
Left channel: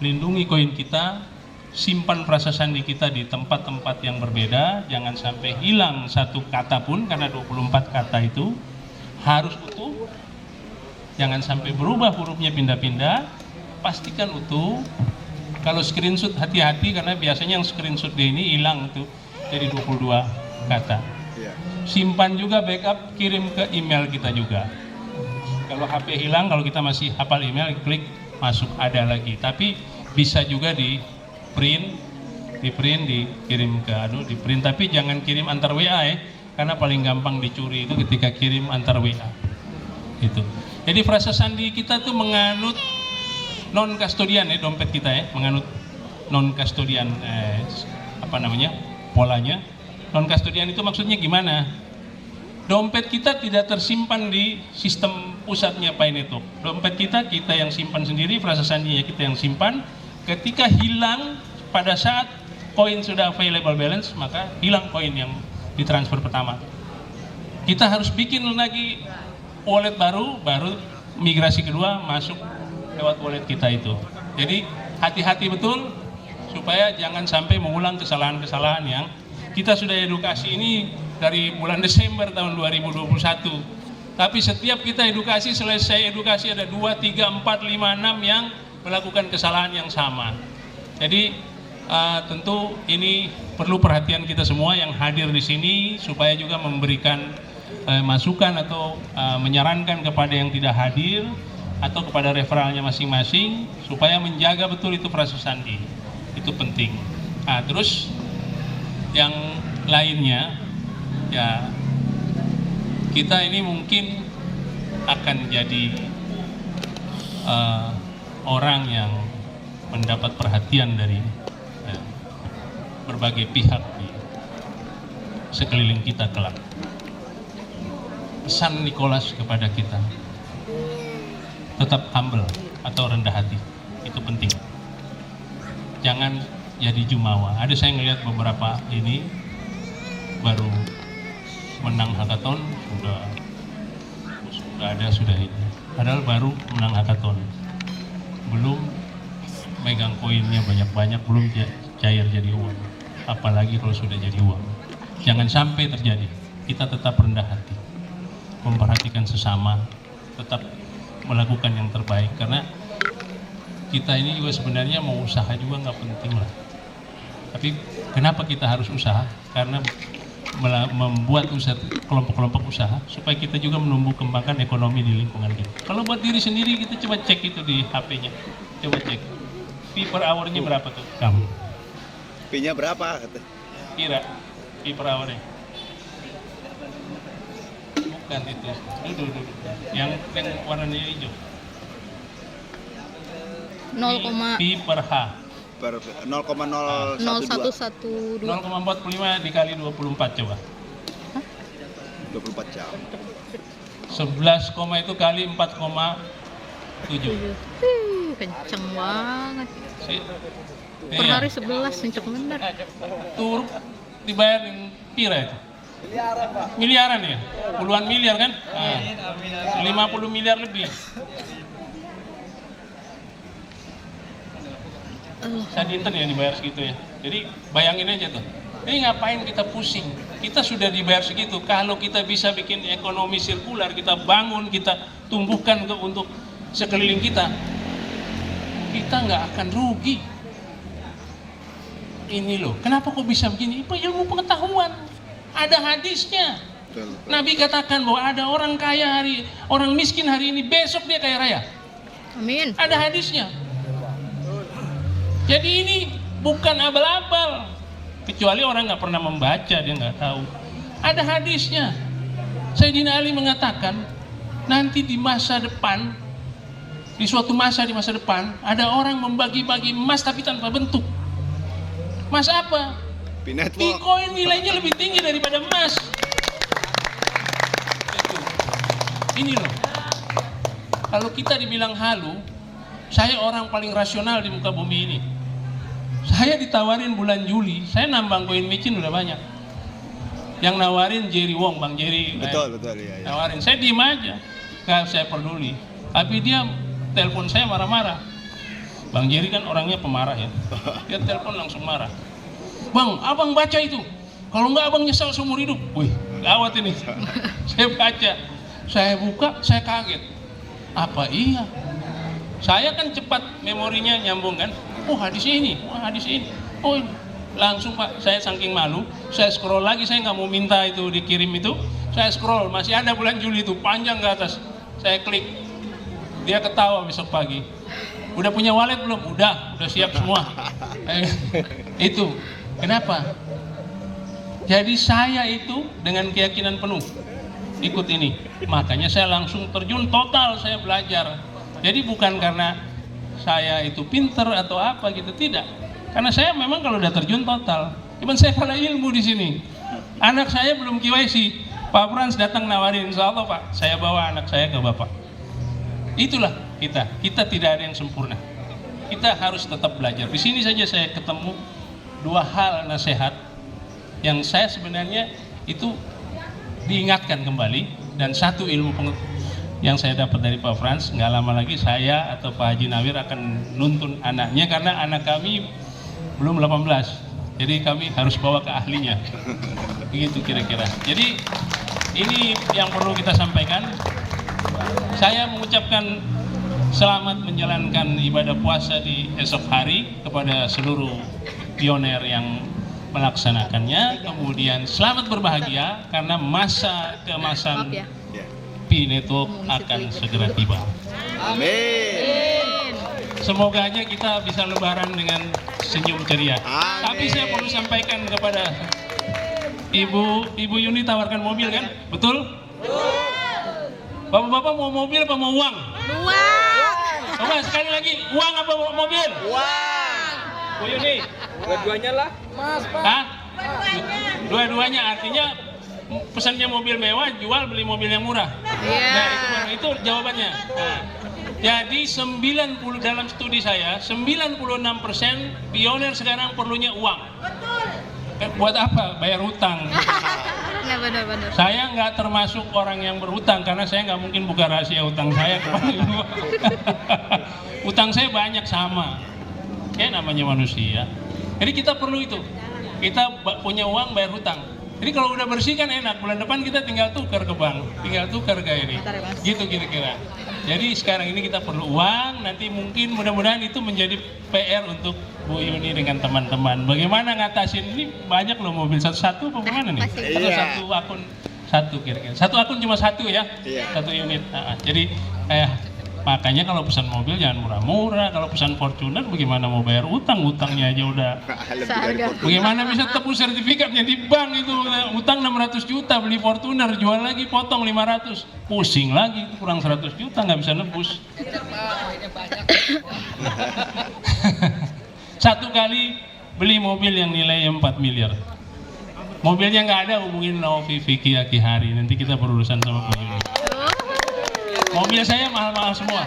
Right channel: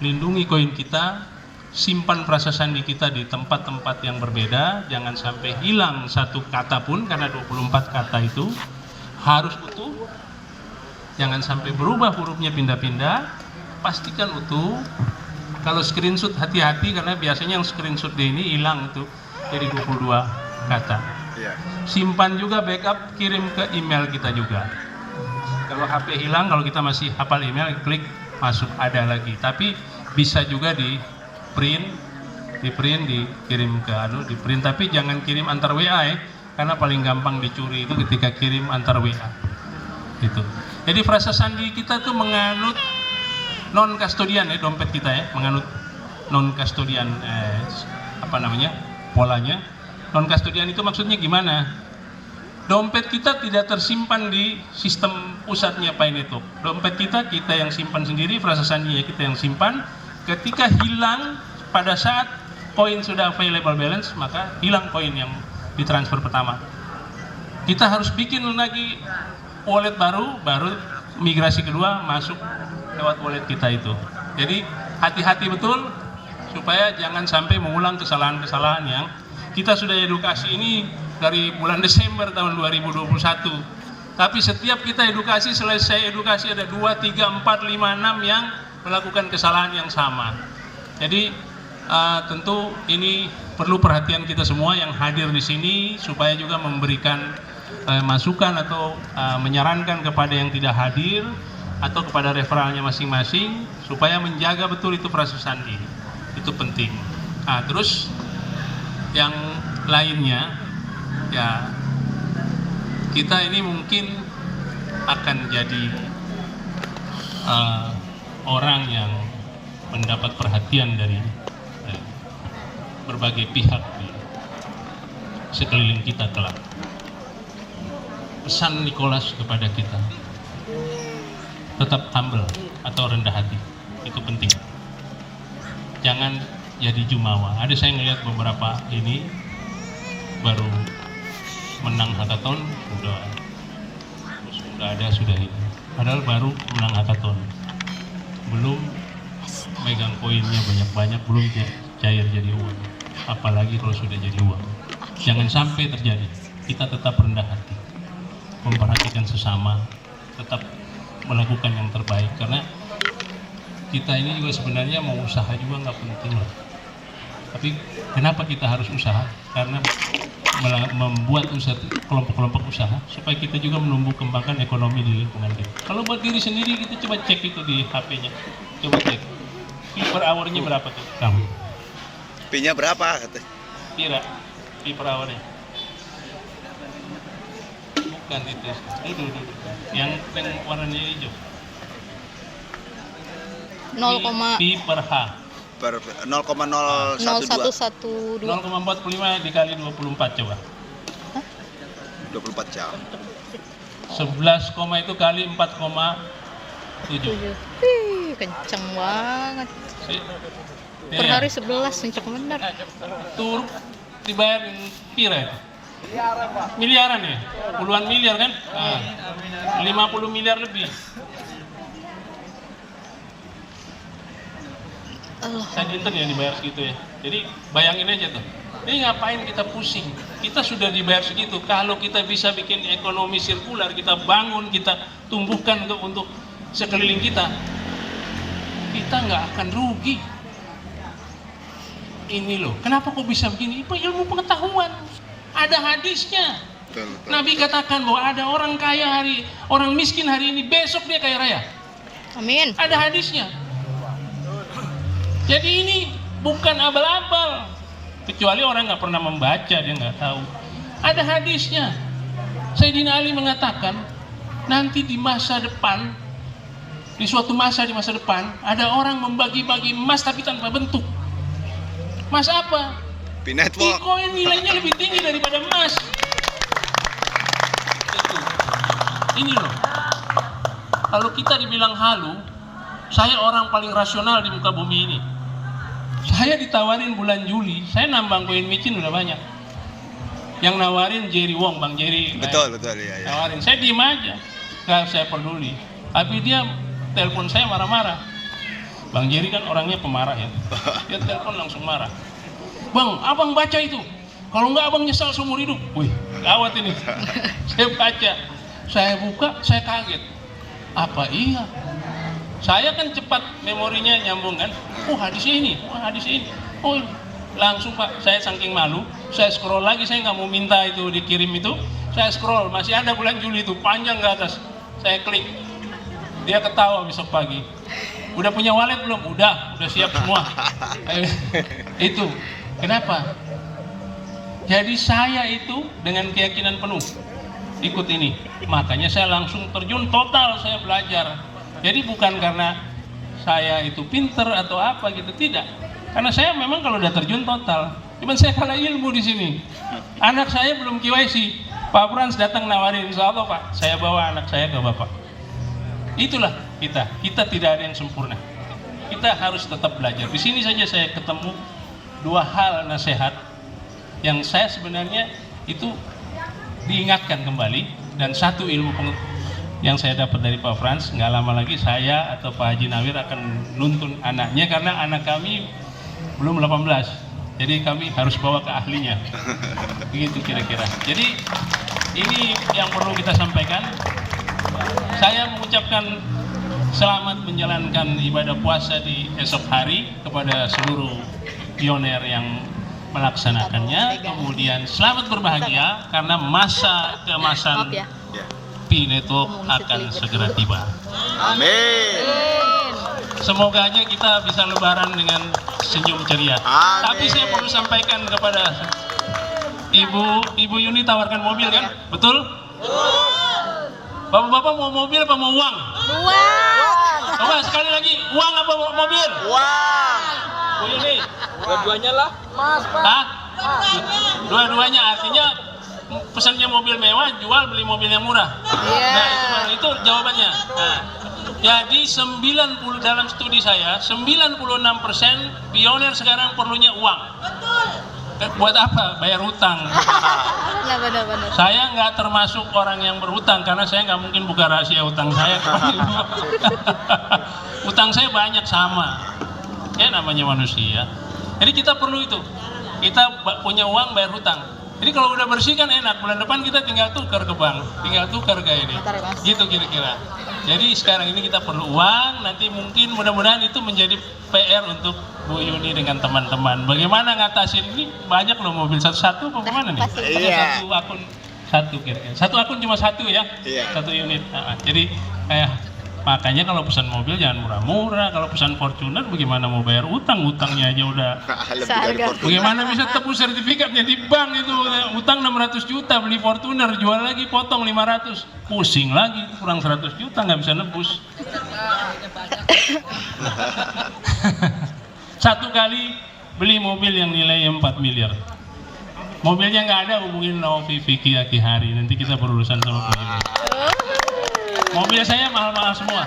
lindungi koin kita, simpan frasa sandi kita di tempat-tempat yang berbeda, jangan sampai hilang satu kata pun, karena 24 kata itu harus utuh, jangan sampai berubah hurufnya pindah-pindah, pastikan utuh. Kalau screenshot hati-hati, karena biasanya yang screenshot ini hilang itu jadi 22 kata. Simpan juga backup, kirim ke email kita juga. Kalau HP hilang, kalau kita masih hafal email, klik masuk, ada lagi. Tapi bisa juga di print, dikirim ke di print, tapi jangan kirim antar WA ya, karena paling gampang dicuri itu ketika kirim antar WA. Itu. Jadi frasa sandi kita tuh menganut non kustodian ya, dompet kita ya, menganut non kustodian polanya. Non kustodian itu maksudnya gimana? Dompet kita tidak tersimpan di sistem pusatnya Pi Network. Dompet kita yang simpan sendiri, frasa sandinya kita yang simpan. Ketika hilang pada saat koin sudah available balance, maka hilang koin yang ditransfer pertama. Kita harus bikin lagi wallet baru migrasi kedua masuk lewat wallet kita itu. Jadi hati-hati betul supaya jangan sampai mengulang kesalahan-kesalahan yang kita sudah edukasi ini dari bulan Desember tahun 2021. Tapi setiap kita edukasi, selesai edukasi ada 2, 3, 4, 5, 6 yang melakukan kesalahan yang sama. Jadi tentu ini perlu perhatian kita semua yang hadir di sini, supaya juga memberikan masukan atau menyarankan kepada yang tidak hadir atau kepada referralnya masing-masing, supaya menjaga betul itu frasa sandi. Itu penting. Terus yang lainnya ya, kita ini mungkin akan jadi orang yang mendapat perhatian dari berbagai pihak di sekeliling kita kelak. Pesan Nicholas kepada kita, tetap humble atau rendah hati, itu penting. Jangan jadi jumawa. Ada saya ngelihat beberapa ini baru menang hackathon, sudah ini. Padahal baru menang hackathon, belum megang koinnya banyak-banyak belum cair jadi uang. Apalagi kalau sudah jadi uang. Jangan sampai terjadi. Kita tetap rendah hati, memperhatikan sesama, tetap melakukan yang terbaik. Karena kita ini juga sebenarnya mau usaha juga nggak penting lah. Tapi kenapa kita harus usaha? Karena membuat usaha, kelompok-kelompok usaha supaya kita juga menumbuh kembangkan ekonomi di lingkungan kita. Kalau buat diri sendiri kita coba cek itu di HP-nya, coba cek fee per hour-nya berapa tuh kamu? Fee-nya berapa? Kira fee per hour-nya? Bukan itu, yang warnanya hijau. 0,0112 Fee per H. 0,0112. 0,45 dikali 24 coba. 24 jam. 11, itu kali 4,7. Wih, kenceng banget. Per hari 11, kenceng bener. Tur dibayarin kira itu. Miliaran ya? Puluhan miliar kan? 50 miliar lebih. Satu intern yang dibayar segitu ya. Jadi bayangin aja tuh. Ini ngapain kita pusing? Kita sudah dibayar segitu. Kalau kita bisa bikin ekonomi sirkular, kita bangun, kita tumbuhkan untuk sekeliling kita nggak akan rugi. Ini loh. Kenapa kok bisa begini? Itu ilmu pengetahuan. Ada hadisnya. Betul. Nabi katakan bahwa ada orang kaya orang miskin hari ini, besok dia kaya raya. Amin. Ada hadisnya. Jadi ini bukan abal-abal, kecuali orang nggak pernah membaca, dia nggak tahu. Ada hadisnya. Sayyidina Ali mengatakan nanti di masa depan, di suatu masa di masa depan, ada orang membagi-bagi emas tapi tanpa bentuk. Emas apa? Network. Bitcoin nilainya lebih tinggi daripada emas. Itu. Ini loh. Kalau kita dibilang halu, saya orang paling rasional di muka bumi ini. Saya ditawarin bulan Juli, saya nambang koin micin udah banyak. Yang nawarin Jerry Wong, Bang Jerry. Betul ya. Nawarin, saya diem aja, nggak saya peduli. Tapi dia telepon saya marah-marah. Bang Jerry kan orangnya pemarah ya. Dia telepon langsung marah. Bang, abang baca itu. Kalau nggak abang nyesal seumur hidup. Wih, gawat ini. Saya baca, saya buka, saya kaget. Apa iya? Saya kan cepat memorinya nyambung kan. Oh hadis ini. Oh langsung Pak, saya saking malu, saya scroll lagi, saya nggak mau minta itu dikirim itu. Saya scroll, masih ada bulan Juli itu, panjang ke atas. Saya klik, dia ketawa besok pagi. Udah punya wallet belum? Udah siap semua. Itu, kenapa? Jadi saya itu dengan keyakinan penuh ikut ini. Makanya saya langsung terjun total, saya belajar. Jadi bukan karena saya itu pinter atau apa gitu, tidak. Karena saya memang kalau udah terjun total. Cuman saya kalah ilmu di sini. Anak saya belum KYC. Pak Frans datang nawarin, insya Allah Pak, saya bawa anak saya ke Bapak. Itulah kita. Kita tidak ada yang sempurna. Kita harus tetap belajar. Di sini saja saya ketemu dua hal nasihat yang saya sebenarnya itu diingatkan kembali, dan satu ilmu yang saya dapat dari Pak Frans, nggak lama lagi saya atau Pak Haji Nawir akan nuntun anaknya karena anak kami belum 18, jadi kami harus bawa ke ahlinya. Begitu kira-kira. Jadi ini yang perlu kita sampaikan. Saya mengucapkan selamat menjalankan ibadah puasa di esok hari kepada seluruh pioner yang melaksanakannya. Kemudian selamat berbahagia karena masa keemasan Pi Network akan segera tiba. Amin. Semoga aja kita bisa lebaran dengan senyum ceria. Amin. Tapi saya perlu sampaikan kepada Ibu Yuni, tawarkan mobil kan? Betul? Bapak-bapak mau mobil apa mau uang? Uang. Oke, sekali lagi, uang apa mobil? Uang. Bu Yuni? Dua-duanya lah. Hah? Dua-duanya, artinya pesannya mobil mewah, jual beli mobil yang murah. Nah itu jawabannya. Nah, jadi 90 dalam studi saya 96% pioner sekarang perlunya uang. Buat apa? Bayar hutang. Ya benar-benar. Saya nggak termasuk orang yang berhutang karena saya nggak mungkin buka rahasia hutang saya kepada ibu. utang saya banyak sama. Ya namanya manusia. Jadi kita perlu itu. Kita punya uang bayar hutang. Jadi kalau udah bersih kan enak, bulan depan kita tinggal tukar ke bank, tinggal tukar ke ini. Gitu kira-kira. Jadi sekarang ini kita perlu uang, nanti mungkin mudah-mudahan itu menjadi PR untuk Bu Yuni dengan teman-teman. Bagaimana ngatasin ini, banyak loh mobil satu-satu apa gimana nih? Iya. Satu akun satu kira-kira. Satu akun cuma satu ya? Iya. Satu unit. Nah, jadi makanya kalau pesan mobil jangan murah-murah. Kalau pesan Fortuner bagaimana mau bayar utang? Utangnya aja udah. Lebih dari Fortuner. Bagaimana bisa tebus sertifikatnya di bank itu? Utang 600 juta beli Fortuner, jual lagi potong 500. Pusing lagi, kurang 100 juta nggak bisa nebus. Satu kali beli mobil yang nilainya 4 miliar. Mobilnya nggak ada, hubungin Novi, Vicky, Aki Hari. Nanti kita berurusan sama Bu Yuni. Mobil saya mahal-mahal semua.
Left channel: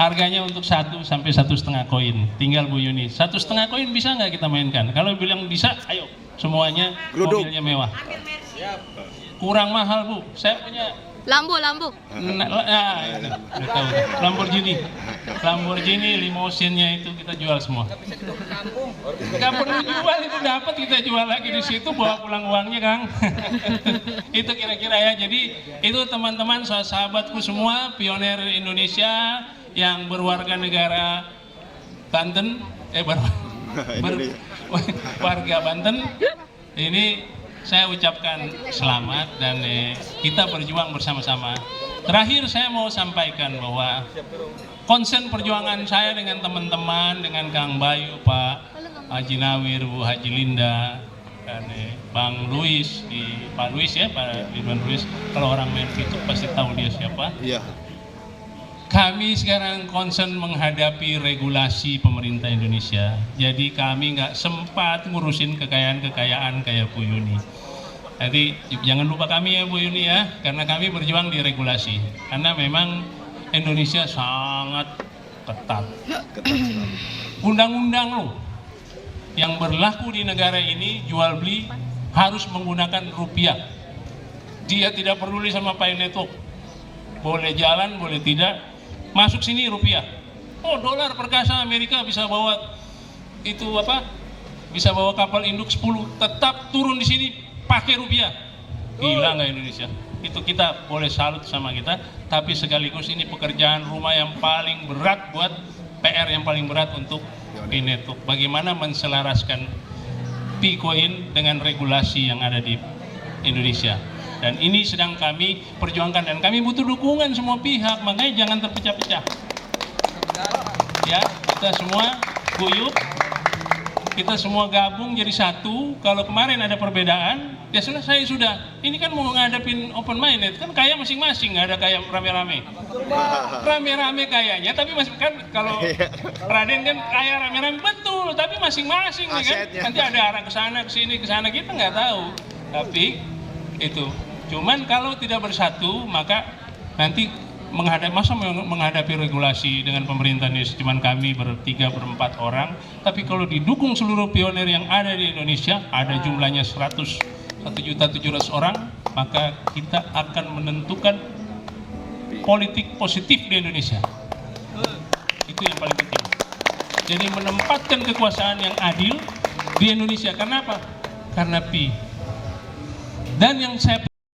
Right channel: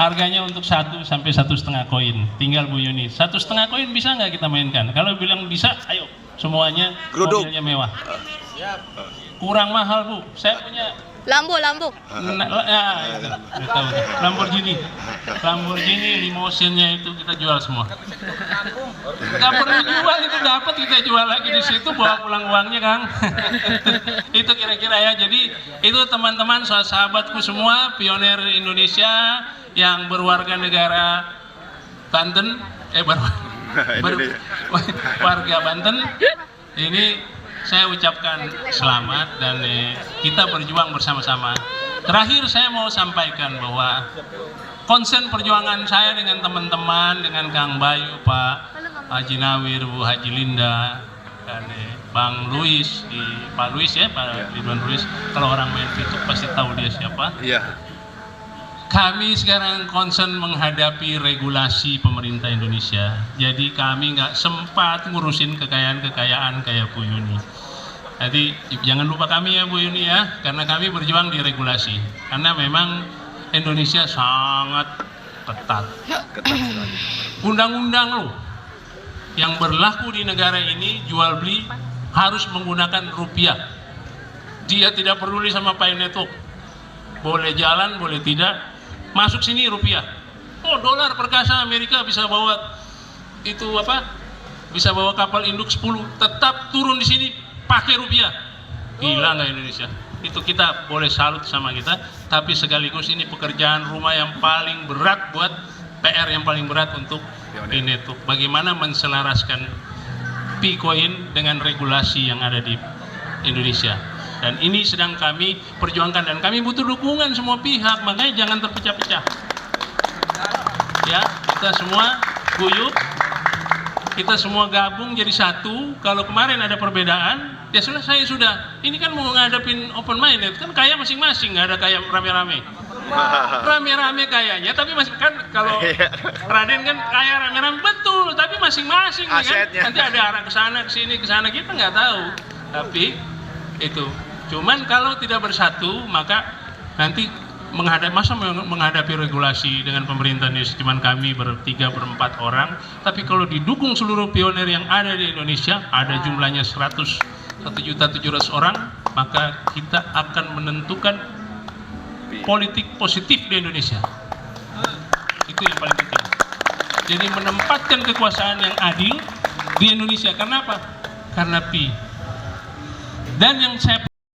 Harganya untuk 1 sampai 1,5 koin. Tinggal Bu Yuni. 1,5 koin bisa nggak kita mainkan? Kalau bilang bisa, ayo. Semuanya Geruduk. mobilnya mewah. Kurang mahal Bu. Saya punya Lambo. Lamborghini limosinnya itu kita jual semua. Nggak perlu jual, itu dapat kita jual lagi di situ, bawa pulang uangnya Kang. Itu kira-kira ya. Jadi itu teman-teman sahabatku semua, pionir Indonesia yang berwarga negara Banten, warga Banten. Ini saya ucapkan selamat dan kita berjuang bersama-sama. Terakhir saya mau sampaikan bahwa konsen perjuangan saya dengan teman-teman, dengan Kang Bayu, Pak Haji Nawir, Bu Haji Linda, dan Bang Luis, Pak Luis ya, Pak Ridwan Luis. Kalau orang main Facebook pasti tahu dia siapa. Iya. Kami sekarang konsen menghadapi regulasi pemerintah Indonesia. Jadi kami nggak sempat ngurusin kekayaan-kekayaan kayak Bu Yuni. Jadi jangan lupa kami ya Bu Yuni ya, karena kami berjuang di regulasi. Karena memang Indonesia sangat ketat. Ketat sekali. Undang-undang loh yang berlaku di negara ini jual beli harus menggunakan rupiah. Dia tidak peduli sama pay network. Boleh jalan, boleh tidak. Masuk sini rupiah. Oh, dolar perkasa Amerika bisa bawa itu apa? Bisa bawa kapal induk 10, tetap turun di sini pakai rupiah. Gila nggak Indonesia? Itu kita boleh salut sama kita, tapi sekaligus ini pekerjaan rumah yang paling berat buat PR yang paling berat untuk ini tuh. Bagaimana menselaraskan Bitcoin dengan regulasi yang ada di Indonesia. Dan ini sedang kami perjuangkan dan kami butuh dukungan semua pihak, makanya jangan terpecah-pecah. Ya, kita semua guyup, kita semua gabung jadi satu. Kalau kemarin ada perbedaan, ya selesai sudah. Ini kan mau ngadepin open minded, kan kaya masing-masing, nggak ada kaya rame-rame. Rame-rame kayaknya, tapi masih kan kalau Raden kan kaya rame-rame betul, tapi masing-masing kan. Nanti ada arah ke sana, ke sini, ke sana, kita nggak tahu. Tapi itu. Cuman kalau tidak bersatu, maka nanti menghadapi regulasi dengan pemerintah Indonesia cuman kami bertiga berempat orang, tapi kalau didukung seluruh pionir yang ada di Indonesia, ada jumlahnya 101.700.000 orang, maka kita akan menentukan politik positif di Indonesia. Itu yang paling penting. Jadi menempatkan kekuasaan yang adil di Indonesia. Karena apa? Karena Pi. Dan yang saya